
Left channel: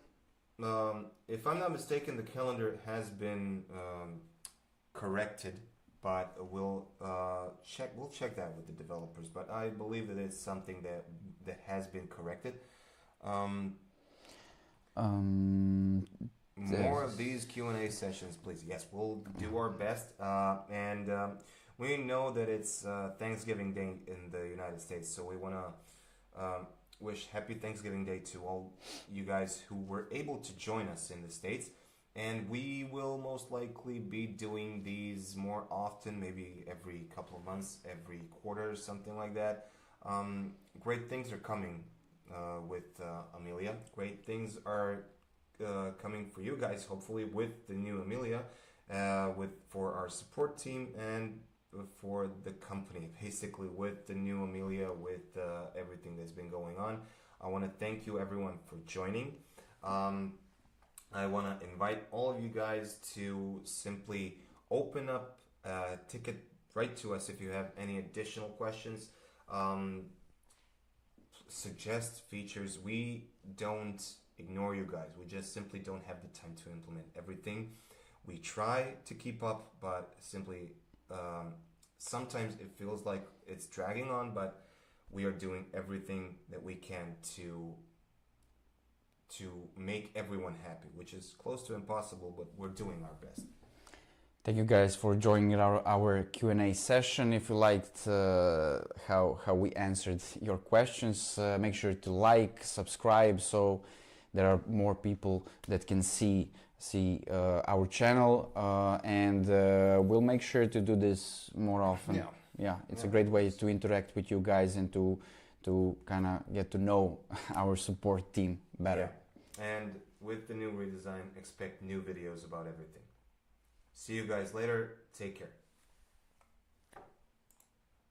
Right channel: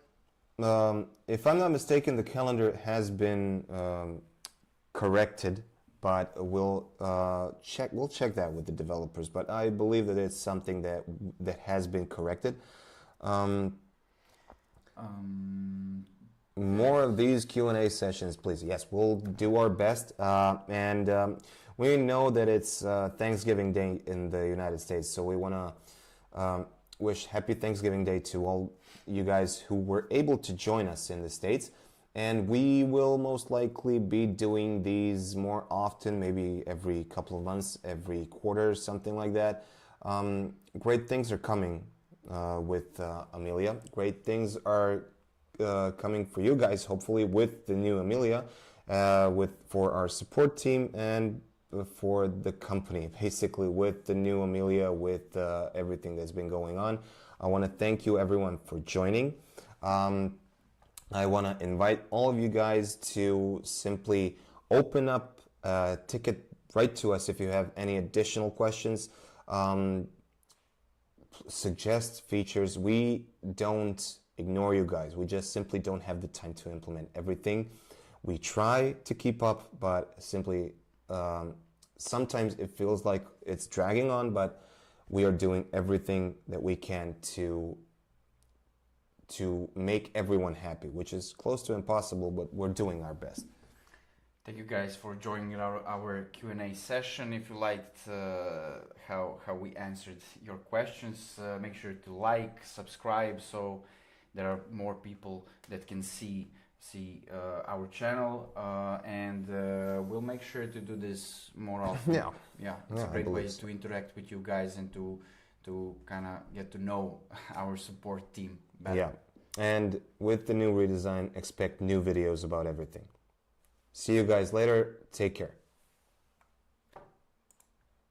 If I'm not mistaken, the calendar has been corrected, but we'll check that with the developers. But I believe that it's something that has been corrected. More of these Q&A sessions, please. Yes, we'll do our best. And we know that it's Thanksgiving Day in the United States, so we want to wish Happy Thanksgiving Day to all you guys who were able to join us in the States. And we will most likely be doing these more often, maybe every couple of months, every quarter, something like that. Great things are coming with Amelia. Great things are coming for you guys, hopefully, with the new Amelia, for our support team and for the company, basically with the new Amelia, with everything that's been going on. I want to thank you everyone for joining. I want to invite all of you guys to simply open up a ticket, write to us if you have any additional questions, suggest features. We don't ignore you guys. We just simply don't have the time to implement everything. We try to keep up, but simply sometimes it feels like it's dragging on, but we are doing everything that we can to make everyone happy, which is close to impossible, but we're doing our best. Thank you guys for joining our Q&A session. If you liked how we answered your questions, make sure to like, subscribe, so there are more people that can see our channel, and we'll make sure to do this more often. Yeah, it's a great way to interact with you guys and to to kind of get to know our support team better. Yeah. And with the new redesign, expect new videos about everything. See you guys later. Take care.